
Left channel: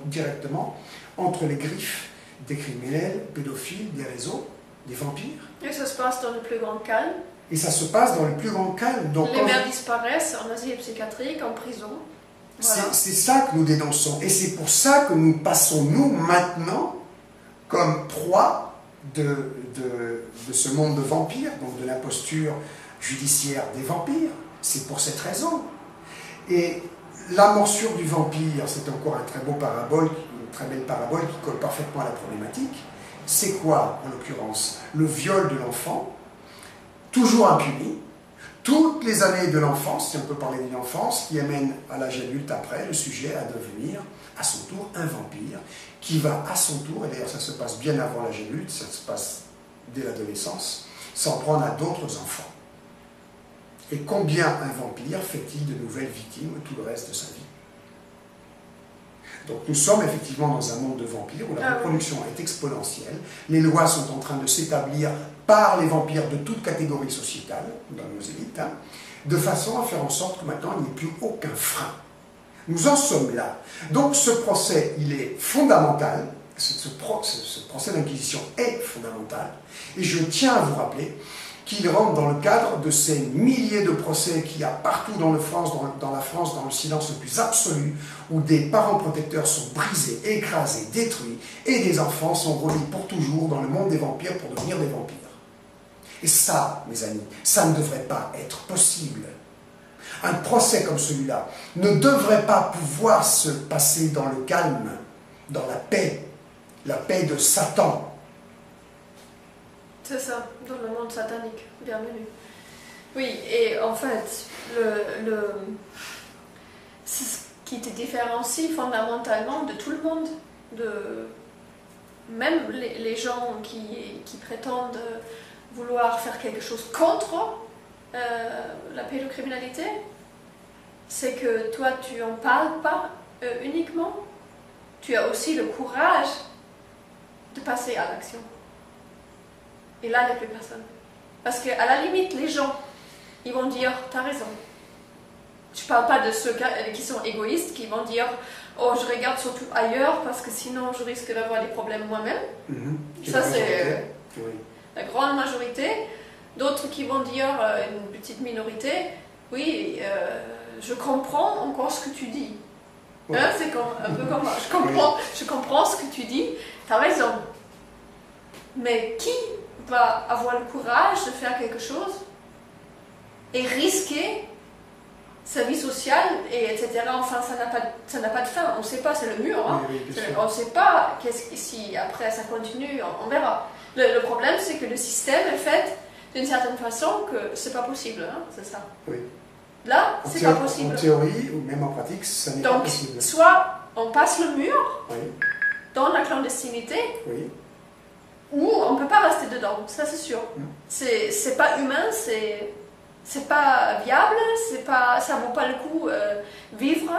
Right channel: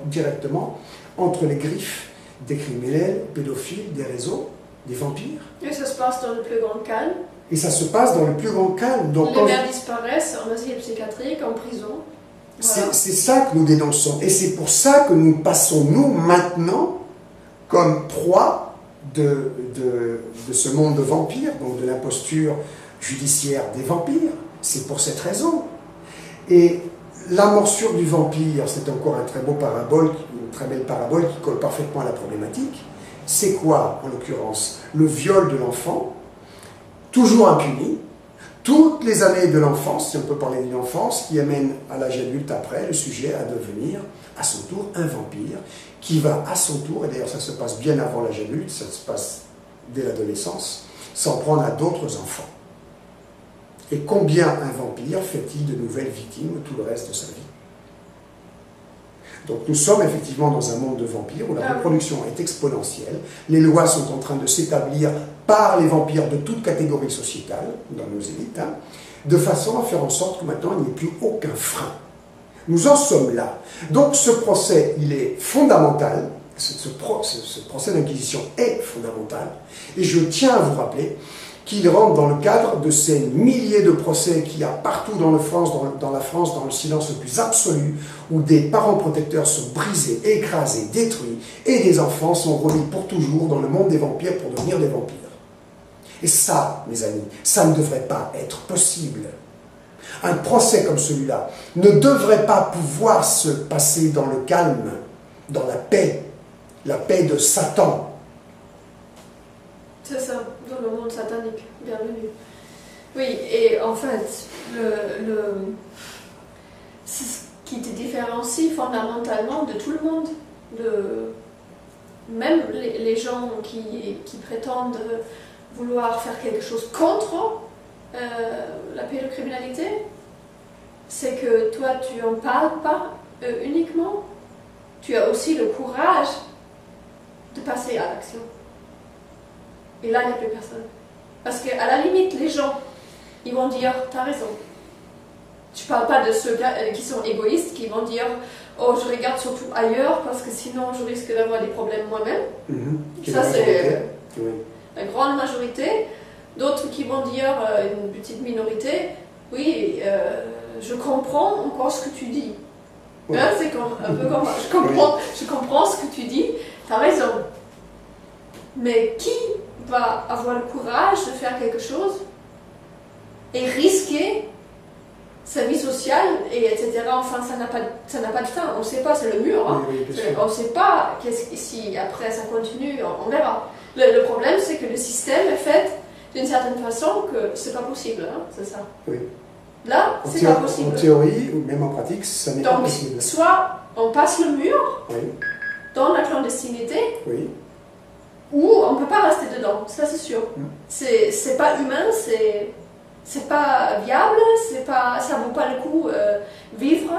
directement entre les griffes des criminels, pédophiles, des réseaux, des vampires. Et ça se passe dans le plus grand calme. Et ça se passe dans le plus grand calme. Donc, les mères disparaissent en asile psychiatrique, en prison. Voilà. C'est ça que nous dénonçons. Et c'est pour ça que nous passons, nous, maintenant, comme proie de ce monde de vampires, donc de l'imposture judiciaire des vampires. C'est pour cette raison. Et la morsure du vampire, c'est encore un très beau parabole, une très belle parabole qui colle parfaitement à la problématique. C'est quoi, en l'occurrence? Le viol de l'enfant, toujours impuni, toutes les années de l'enfance, si on peut parler d'une enfance, qui amène à l'âge adulte après le sujet à devenir à son tour un vampire, qui va à son tour, et d'ailleurs ça se passe bien avant l'âge adulte, ça se passe dès l'adolescence, s'en prendre à d'autres enfants. Et combien un vampire fait-il de nouvelles victimes tout le reste de sa vie? Donc nous sommes effectivement dans un monde de vampires où la reproduction est exponentielle. Les lois sont en train de s'établir par les vampires de toute catégorie sociétale, dans nos élites, de façon à faire en sorte que maintenant il n'y ait plus aucun frein. Nous en sommes là. Donc ce procès, il est fondamental. Ce procès d'inquisition est fondamental. Et je tiens à vous rappeler qu'il rentre dans le cadre de ces milliers de procès qu'il y a partout dans la France, dans le silence le plus absolu, où des parents protecteurs sont brisés, écrasés, détruits, et des enfants sont remis pour toujours dans le monde des vampires pour devenir des vampires. Et ça, mes amis, ça ne devrait pas être possible. Un procès comme celui-là ne devrait pas pouvoir se passer dans le calme, dans la paix de Satan. C'est ça, dans le monde satanique. Bienvenue. Oui, et en fait, c'est ce qui te différencie fondamentalement de tout le monde. Même les gens qui prétendent vouloir faire quelque chose contre la pédocriminalité, c'est que toi, tu n'en parles pas uniquement. Tu as aussi le courage de passer à l'action. Et là, il n'y a plus personne. Parce qu'à la limite, les gens, ils vont dire, t'as raison. Je ne parle pas de ceux qui sont égoïstes, qui vont dire, oh, je regarde surtout ailleurs, parce que sinon, je risque d'avoir des problèmes moi-même. Ça, c'est la grande majorité. D'autres qui vont dire, une petite minorité, oui, je comprends encore ce que tu dis. Ouais. Hein, c'est un peu comme je comprends ce que tu dis, t'as raison. Mais qui va avoir le courage de faire quelque chose et risquer sa vie sociale, et etc. Enfin, ça n'a pas de fin. On ne sait pas, c'est le mur. Hein. Oui, on ne sait pas si après ça continue, on verra. Le problème, c'est que le système est fait d'une certaine façon que c'est pas possible. Hein, c'est ça. Oui. Là, c'est pas possible. En théorie, ou même en pratique, ça n'est pas possible. Donc, soit on passe le mur dans la clandestinité, ou on ne peut pas rester dedans, ça c'est sûr. C'est pas humain, c'est pas viable, ça vaut pas le coup vivre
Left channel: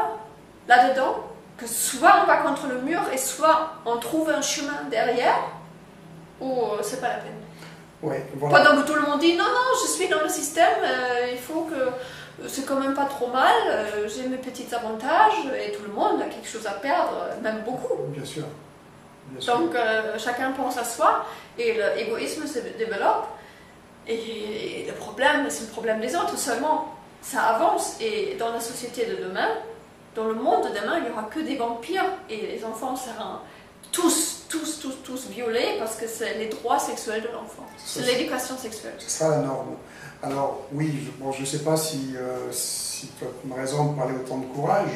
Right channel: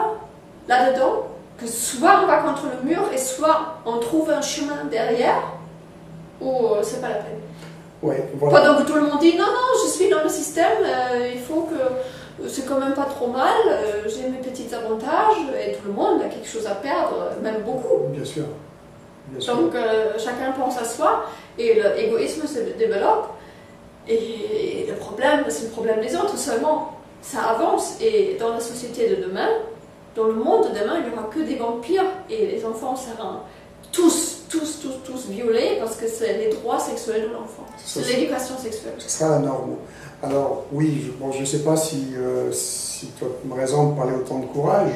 là-dedans, que soit on va contre le mur, et soit on trouve un chemin derrière, ou c'est pas la peine. Voilà. Pendant que tout le monde dit, non, je suis dans le système, il faut que... c'est quand même pas trop mal, j'ai mes petits avantages, et tout le monde a quelque chose à perdre, même beaucoup. Bien sûr. Donc chacun pense à soi, et l'égoïsme se développe, et le problème, c'est le problème des autres seulement. Ça avance, et dans la société de demain, dans le monde de demain, il n'y aura que des vampires, et les enfants seront tous violés, parce que c'est les droits sexuels de l'enfant. C'est l'éducation sexuelle. Ce sera la norme. Alors oui, je ne sais pas si tu as raison de parler autant de courage.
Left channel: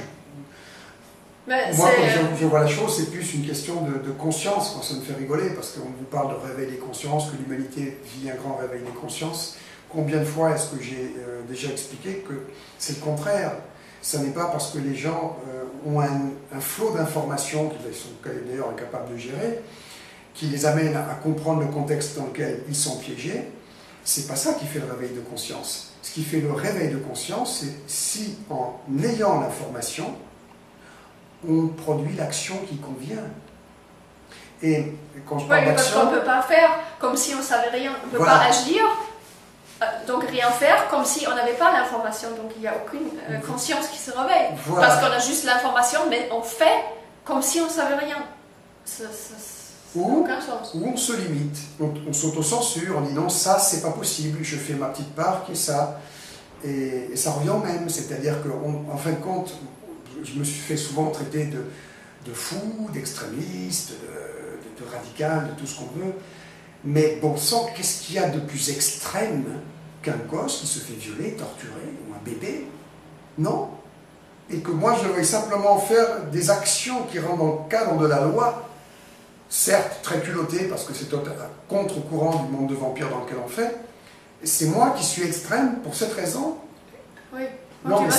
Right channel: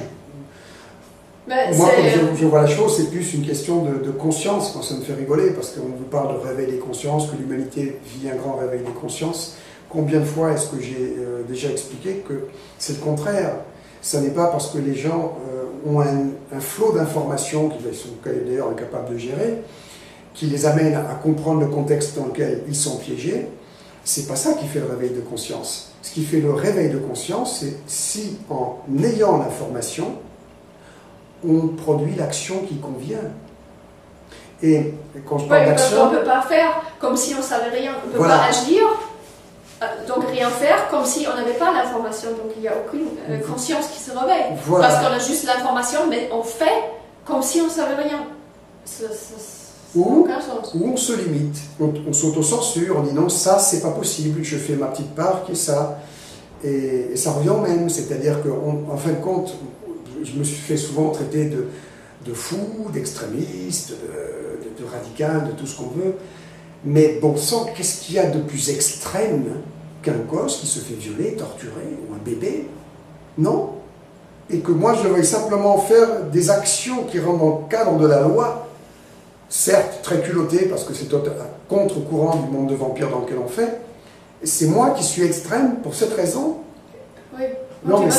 Mais moi, comme je vois la chose, c'est plus une question de conscience. Moi, ça me fait rigoler, parce qu'on vous parle de réveil des consciences, que l'humanité vit un grand réveil des consciences. Combien de fois est-ce que j'ai déjà expliqué que c'est le contraire? Ce n'est pas parce que les gens ont un flot d'informations qu'ils sont d'ailleurs incapables de gérer, qui les amène à comprendre le contexte dans lequel ils sont piégés. C'est pas ça qui fait le réveil de conscience. Ce qui fait le réveil de conscience, c'est si, en ayant l'information, on produit l'action qui convient. Et quand je parle d'action... parce qu'on ne peut pas faire comme si on ne savait rien. On ne peut pas agir, donc rien faire, comme si on n'avait pas l'information. Donc il n'y a aucune conscience qui se réveille. Parce qu'on a juste l'information, mais on fait comme si on ne savait rien. Ou on se limite, on s'auto-censure, on dit non, ça c'est pas possible, je fais ma petite part qui est ça. Et ça revient au même, c'est-à-dire qu'en fin de compte, je me suis fait souvent traiter de fou, d'extrémiste, de radical, de tout ce qu'on veut. Mais bon sang, qu'est-ce qu'il y a de plus extrême qu'un gosse qui se fait violer, torturer, ou un bébé? Non. Et que moi je veuille simplement faire des actions qui rentrent dans le cadre de la loi, certes très culottées, parce que c'est à contre-courant du monde de vampires dans lequel on fait, C'est moi qui suis extrême pour cette raison. Oui. Non, mais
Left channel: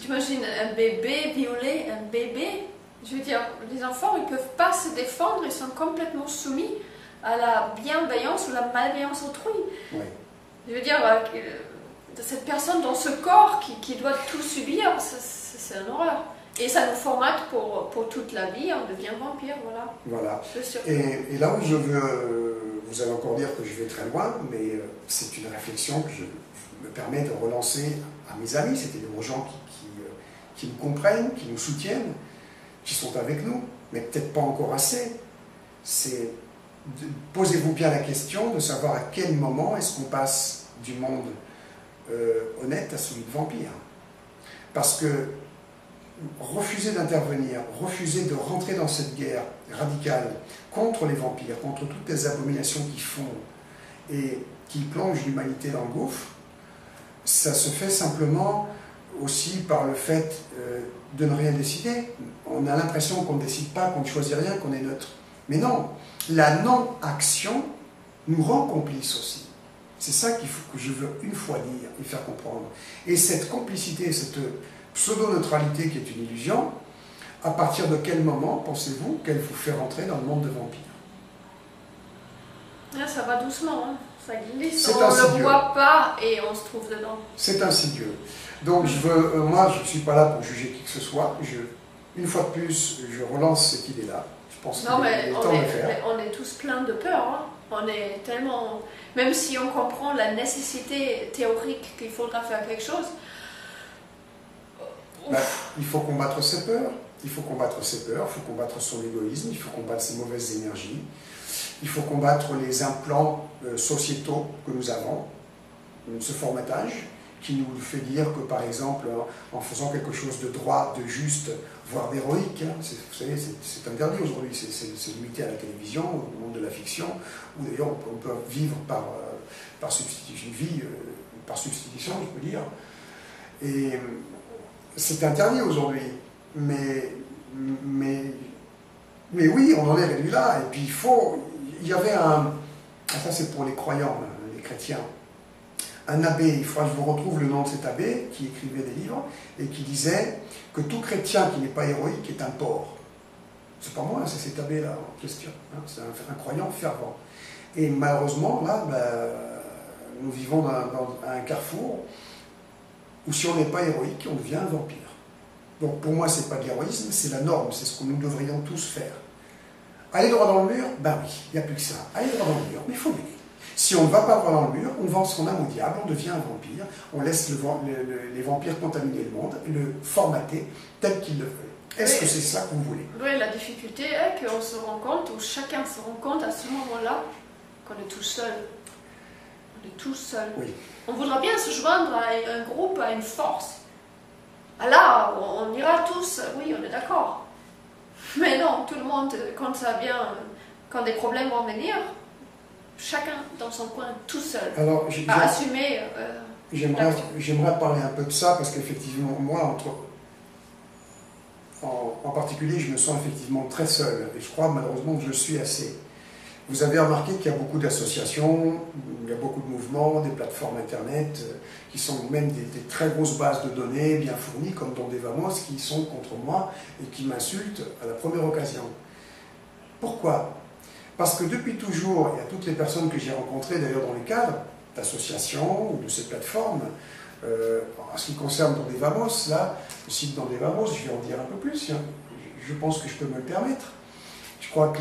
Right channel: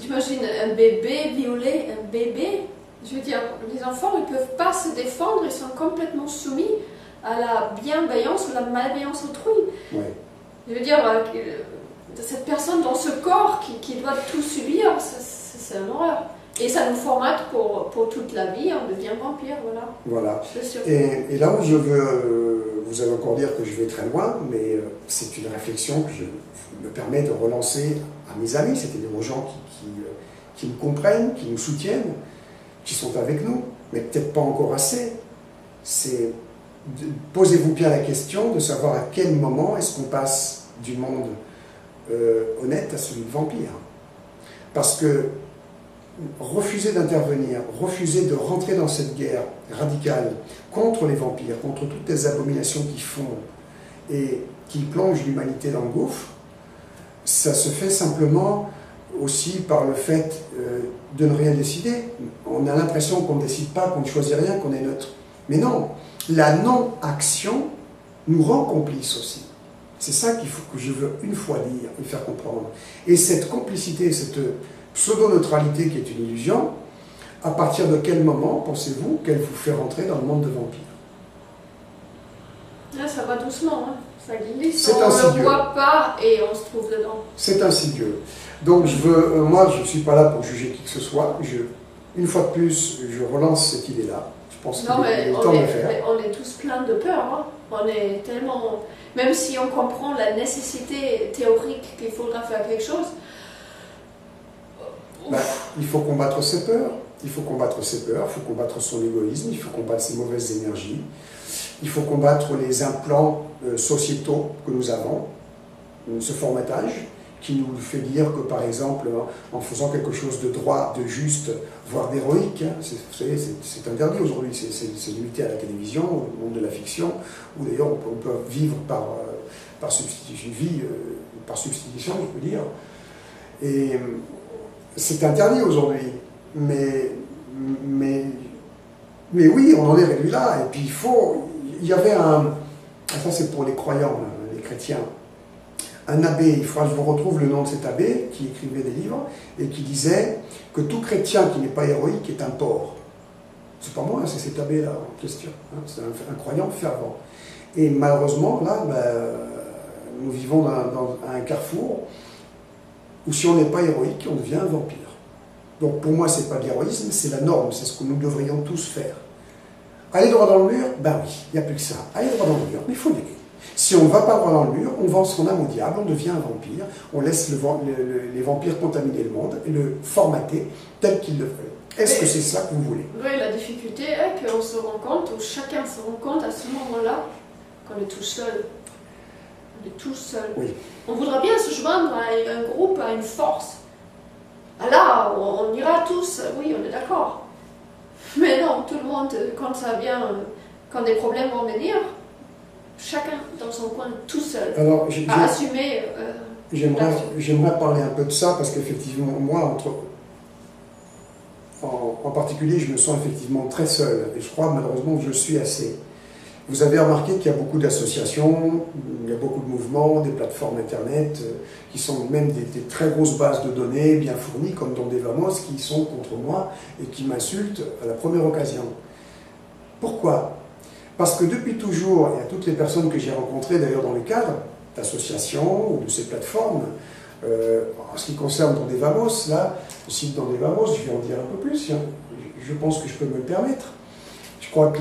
t'imagines un bébé violer un bébé. Je veux dire, les enfants, ils ne peuvent pas se défendre, ils sont complètement soumis à la bienveillance ou la malveillance autrui. Oui. Je veux dire, cette personne dans ce corps qui doit tout subir, c'est une horreur. Et ça nous formate pour toute la vie, on devient vampire, voilà. Voilà. Et là où je veux, vous allez encore dire que je vais très loin, mais c'est une réflexion que je me permets de relancer à mes amis, c'est-à-dire aux gens qui nous comprennent, qui nous soutiennent, qui sont avec nous, mais peut-être pas encore assez. C'est posez-vous bien la question de savoir à quel moment est-ce qu'on passe du monde honnête à celui de vampire. Parce que refuser d'intervenir, refuser de rentrer dans cette guerre radicale contre les vampires, contre toutes les abominations qu'ils font et qui plongent l'humanité dans le gouffre, ça se fait simplement aussi par le fait de ne rien décider. On a l'impression qu'on ne décide pas, qu'on ne choisit rien, qu'on est neutre. Mais non, la non-action nous rend complices aussi. C'est ça qu'il faut que je veux une fois dire et faire comprendre. Et cette complicité, cette pseudo-neutralité qui est une illusion, à partir de quel moment pensez-vous qu'elle vous fait rentrer dans le monde de vampires? Là, ça va doucement, hein. Ça glisse, on ne le voit pas et on se trouve dedans. C'est insidieux. Donc moi je ne suis pas là pour juger qui que ce soit. Une fois de plus, je relance cette idée-là. Je pense qu'il est temps de le faire. On est tous pleins de peur, hein. On est tellement... Même si on comprend la nécessité théorique qu'il faudra faire quelque chose, il faut combattre ses peurs, il faut combattre ses peurs, il faut combattre son égoïsme, il faut combattre ses mauvaises énergies, il faut combattre les implants sociétaux que nous avons, ce formatage qui nous fait dire que par exemple en faisant quelque chose de droit, de juste, voire d'héroïque, hein, vous savez c'est interdit aujourd'hui, c'est limité à la télévision, au monde de la fiction, où d'ailleurs on peut vivre par substitution, une vie par substitution je peux dire, et c'est interdit aujourd'hui, mais oui, on en est réduit là. Et puis il y avait ça c'est pour les croyants, les chrétiens, un abbé, il faudra que je vous retrouve le nom de cet abbé, qui écrivait des livres, et qui disait que tout chrétien qui n'est pas héroïque est un porc. C'est pas moi, c'est cet abbé-là en question, hein, c'est un croyant fervent. Et malheureusement, là, nous vivons dans un carrefour, où si on n'est pas héroïque, on devient un vampire. Donc pour moi, ce n'est pas de l'héroïsme, c'est la norme, c'est ce que nous devrions tous faire. Aller droit dans le mur, ben oui, il n'y a plus que ça. Aller droit dans le mur, mais il faut y aller. Si on ne va pas droit dans le mur, on vend son âme au diable, on devient un vampire, on laisse les vampires contaminer le monde et le formater tel qu'ils le veulent. Est-ce que c'est ça que vous voulez? Oui, la difficulté est qu'on se rend compte, ou chacun se rend compte à ce moment-là, qu'on est tout seul. On est tout seul. Oui. On voudra bien se joindre à un groupe, à une force. Ah là, on ira tous, oui, on est d'accord. Mais non, tout le monde, quand ça vient, quand des problèmes vont venir, chacun dans son coin, tout seul, à assumer. J'aimerais parler un peu de ça, parce qu'effectivement, moi, en particulier, je me sens effectivement très seul. Et je crois malheureusement que je suis assez. Vous avez remarqué qu'il y a beaucoup d'associations, il y a beaucoup de mouvements, des plateformes internet, qui sont même des très grosses bases de données bien fournies, comme dans des Vamos, qui sont contre moi et qui m'insultent à la première occasion. Pourquoi? Parce que depuis toujours, et à toutes les personnes que j'ai rencontrées d'ailleurs dans les cadres d'associations ou de ces plateformes, en ce qui concerne Dans des Vamos, là, le site Dans des Vamos, je vais en dire un peu plus, hein, je pense que je peux me le permettre. Je crois que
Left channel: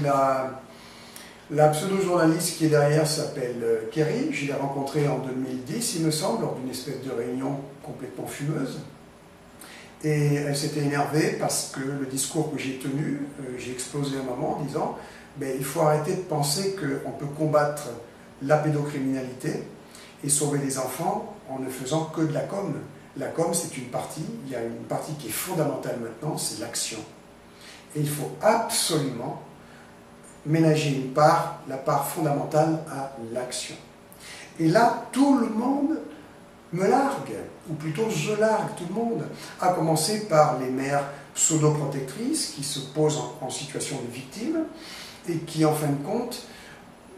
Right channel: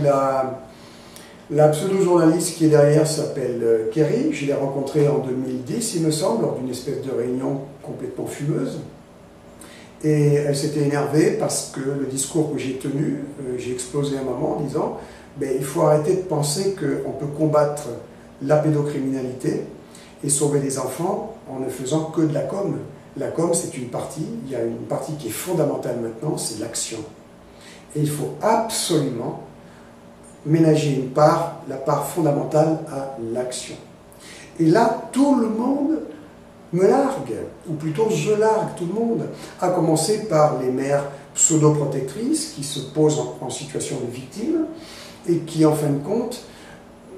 la pseudo-journaliste qui est derrière s'appelle Kerry, je l'ai rencontrée en 2010, il me semble, lors d'une espèce de réunion complètement fumeuse. Et elle s'était énervée parce que le discours que j'ai tenu, j'ai explosé un moment en disant il faut arrêter de penser qu'on peut combattre la pédocriminalité et sauver les enfants en ne faisant que de la com. La com, c'est une partie, il y a une partie qui est fondamentale maintenant, c'est l'action. Et il faut absolument ménager la part fondamentale à l'action. Et là, tout le monde me largue, ou plutôt je largue tout le monde, à commencer par les mères pseudo-protectrices qui se posent en situation de victime et qui, en fin de compte,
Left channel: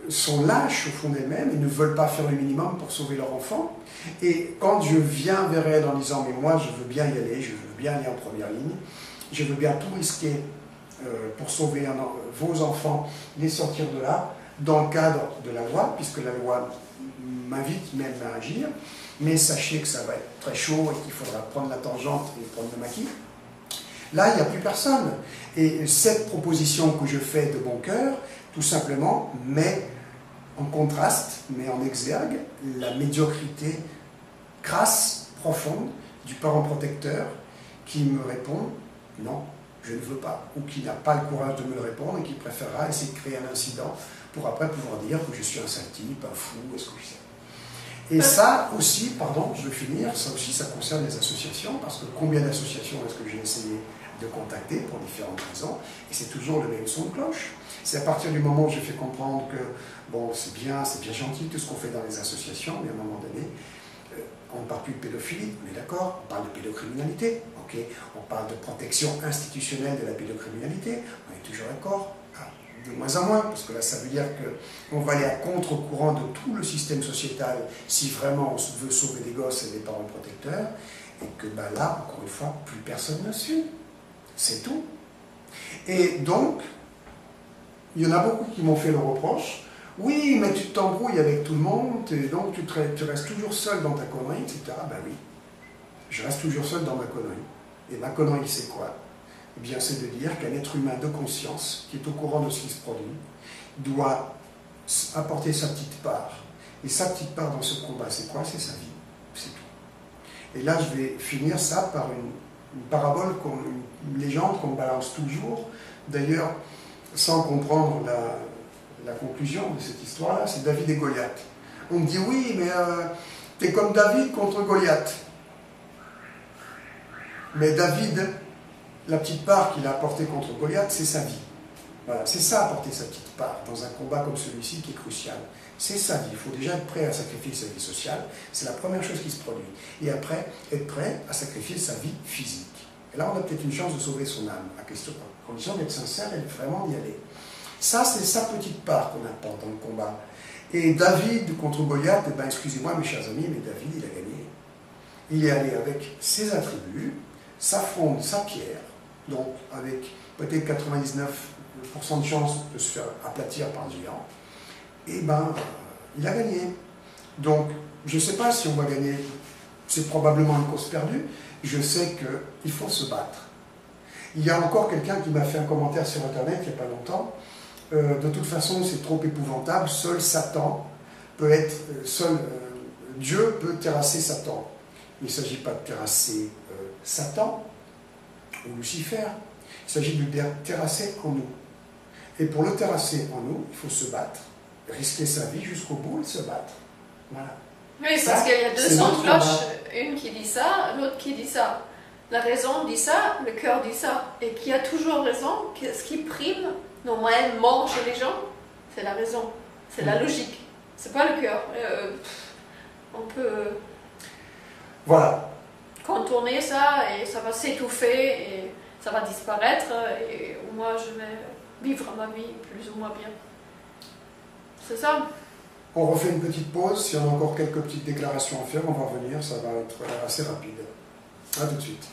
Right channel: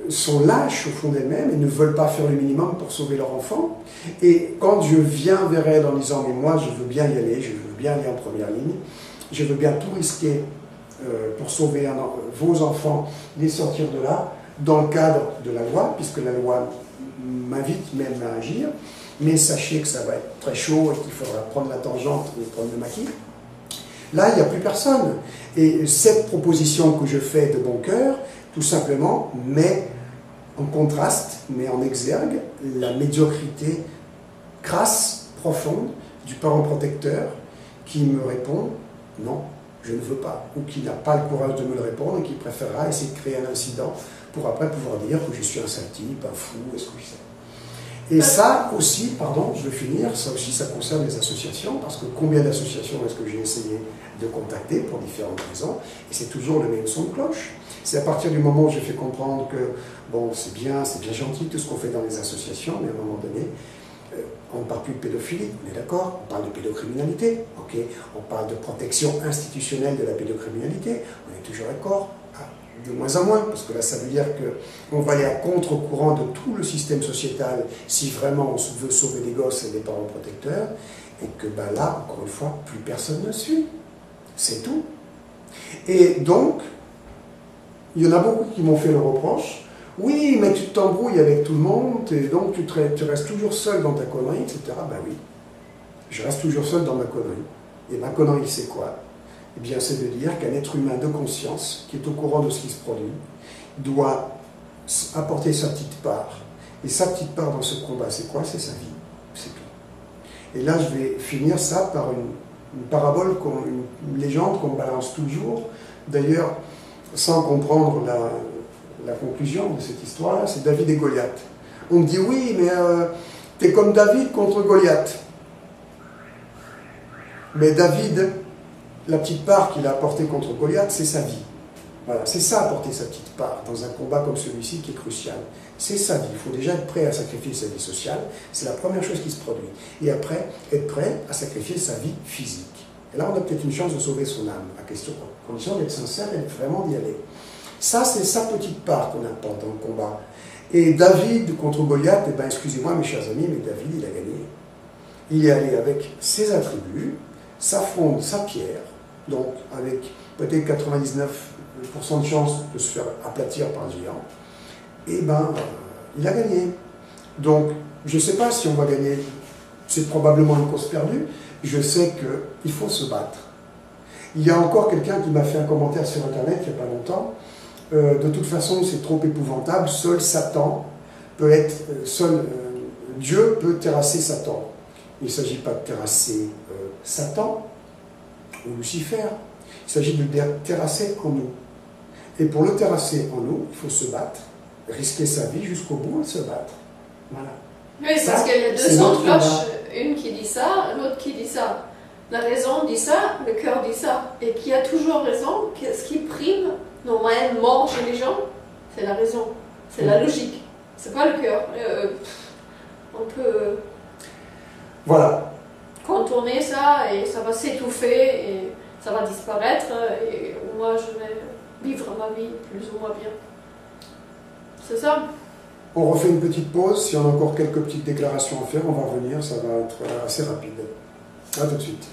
sont lâches au fond d'elles-mêmes et ne veulent pas faire le minimum pour sauver leur enfant. Et quand je viens vers elles en disant « mais moi je veux bien y aller, je veux bien aller en première ligne, je veux bien tout risquer pour sauver vos enfants, les sortir de là, dans le cadre de la loi, puisque la loi m'invite même à agir, mais sachez que ça va être très chaud et qu'il faudra prendre la tangente et prendre le maquis ». Là, il n'y a plus personne. Et cette proposition que je fais de bon cœur, tout simplement, met en contraste, met en exergue la médiocrité crasse, profonde, du parent protecteur qui me répond « non, je ne veux pas », ou qui n'a pas le courage de me le répondre et qui préférera essayer de créer un incident pour après pouvoir dire que je suis un sale type, un fou, est-ce que je sais. Et ça aussi, pardon, je veux finir, ça aussi ça concerne les associations, parce que combien d'associations est-ce que j'ai essayé de contacter pour différentes raisons, et c'est toujours le même son de cloche. C'est à partir du moment où je fais comprendre que, bon, c'est bien gentil tout ce qu'on fait dans les associations, mais à un moment donné, on ne parle plus de pédophilie, on est d'accord, on parle de pédocriminalité, ok, on parle de protection institutionnelle de la pédocriminalité, on est toujours d'accord, de moins en moins, parce que là ça veut dire qu'on va aller à contre-courant de tout le système sociétal si vraiment on veut sauver des gosses et des parents protecteurs, et que ben là, encore une fois, plus personne ne suit. C'est tout. Et donc, il y en a beaucoup qui m'ont fait le reproche. Oui, mais tu t'embrouilles avec tout le monde, et donc tu restes toujours seul dans ta connerie, etc. Ben oui, je reste toujours seul dans ma connerie. Et ma connerie, c'est quoi? Eh bien, c'est de dire qu'un être humain de conscience, qui est au courant de ce qui se produit, doit apporter sa petite part. Et sa petite part dans ce combat, c'est quoi? C'est sa vie. C'est tout. Et là, je vais finir ça par une parabole, une légende qu'on me balance toujours. D'ailleurs, sans comprendre la conclusion de cette histoire-là, c'est David et Goliath. On me dit, oui, mais t'es comme David contre Goliath. Mais David, la petite part qu'il a apportée contre Goliath, c'est sa vie. Voilà, c'est ça, apporter sa petite part dans un combat comme celui-ci qui est crucial. C'est sa vie. Il faut déjà être prêt à sacrifier sa vie sociale. C'est la première chose qui se produit. Et après, être prêt à sacrifier sa vie physique. Et là, on a peut-être une chance de sauver son âme, à condition d'être sincère et vraiment d'y aller. Ça, c'est sa petite part qu'on apporte dans le combat. Et David contre Goliath, eh ben, excusez-moi mes chers amis, mais David, il a gagné. Il est allé avec ses attributs, sa fronde, sa pierre, donc avec peut-être 99% de chances de se faire aplatir par un géant, et ben, il a gagné. Donc, je ne sais pas si on va gagner, c'est probablement une cause perdue, je sais qu'il faut se battre. Il y a encore quelqu'un qui m'a fait un commentaire sur Internet il n'y a pas longtemps, de toute façon c'est trop épouvantable, seul Satan peut être, Dieu peut terrasser Satan. Il ne s'agit pas de terrasser Satan ou Lucifer, il s'agit de le terrasser en nous. Et pour le terrasser en nous, il faut se battre, risquer sa vie jusqu'au bout et se battre. Voilà. Oui, parce qu'il y a deux sons de cloche, une qui dit ça, l'autre qui dit ça. La raison dit ça, le cœur dit ça. Et qui a toujours raison, ce qui prime normalement chez les gens, c'est la raison, c'est la logique, c'est pas le cœur. On peut voilà. contourner ça et ça va s'étouffer et ça va disparaître et moi je vais vivre ma vie plus ou moins bien. C'est ça. On refait une petite pause, si on a encore quelques petites déclarations à faire, on va revenir, ça va être assez rapide. A tout de suite.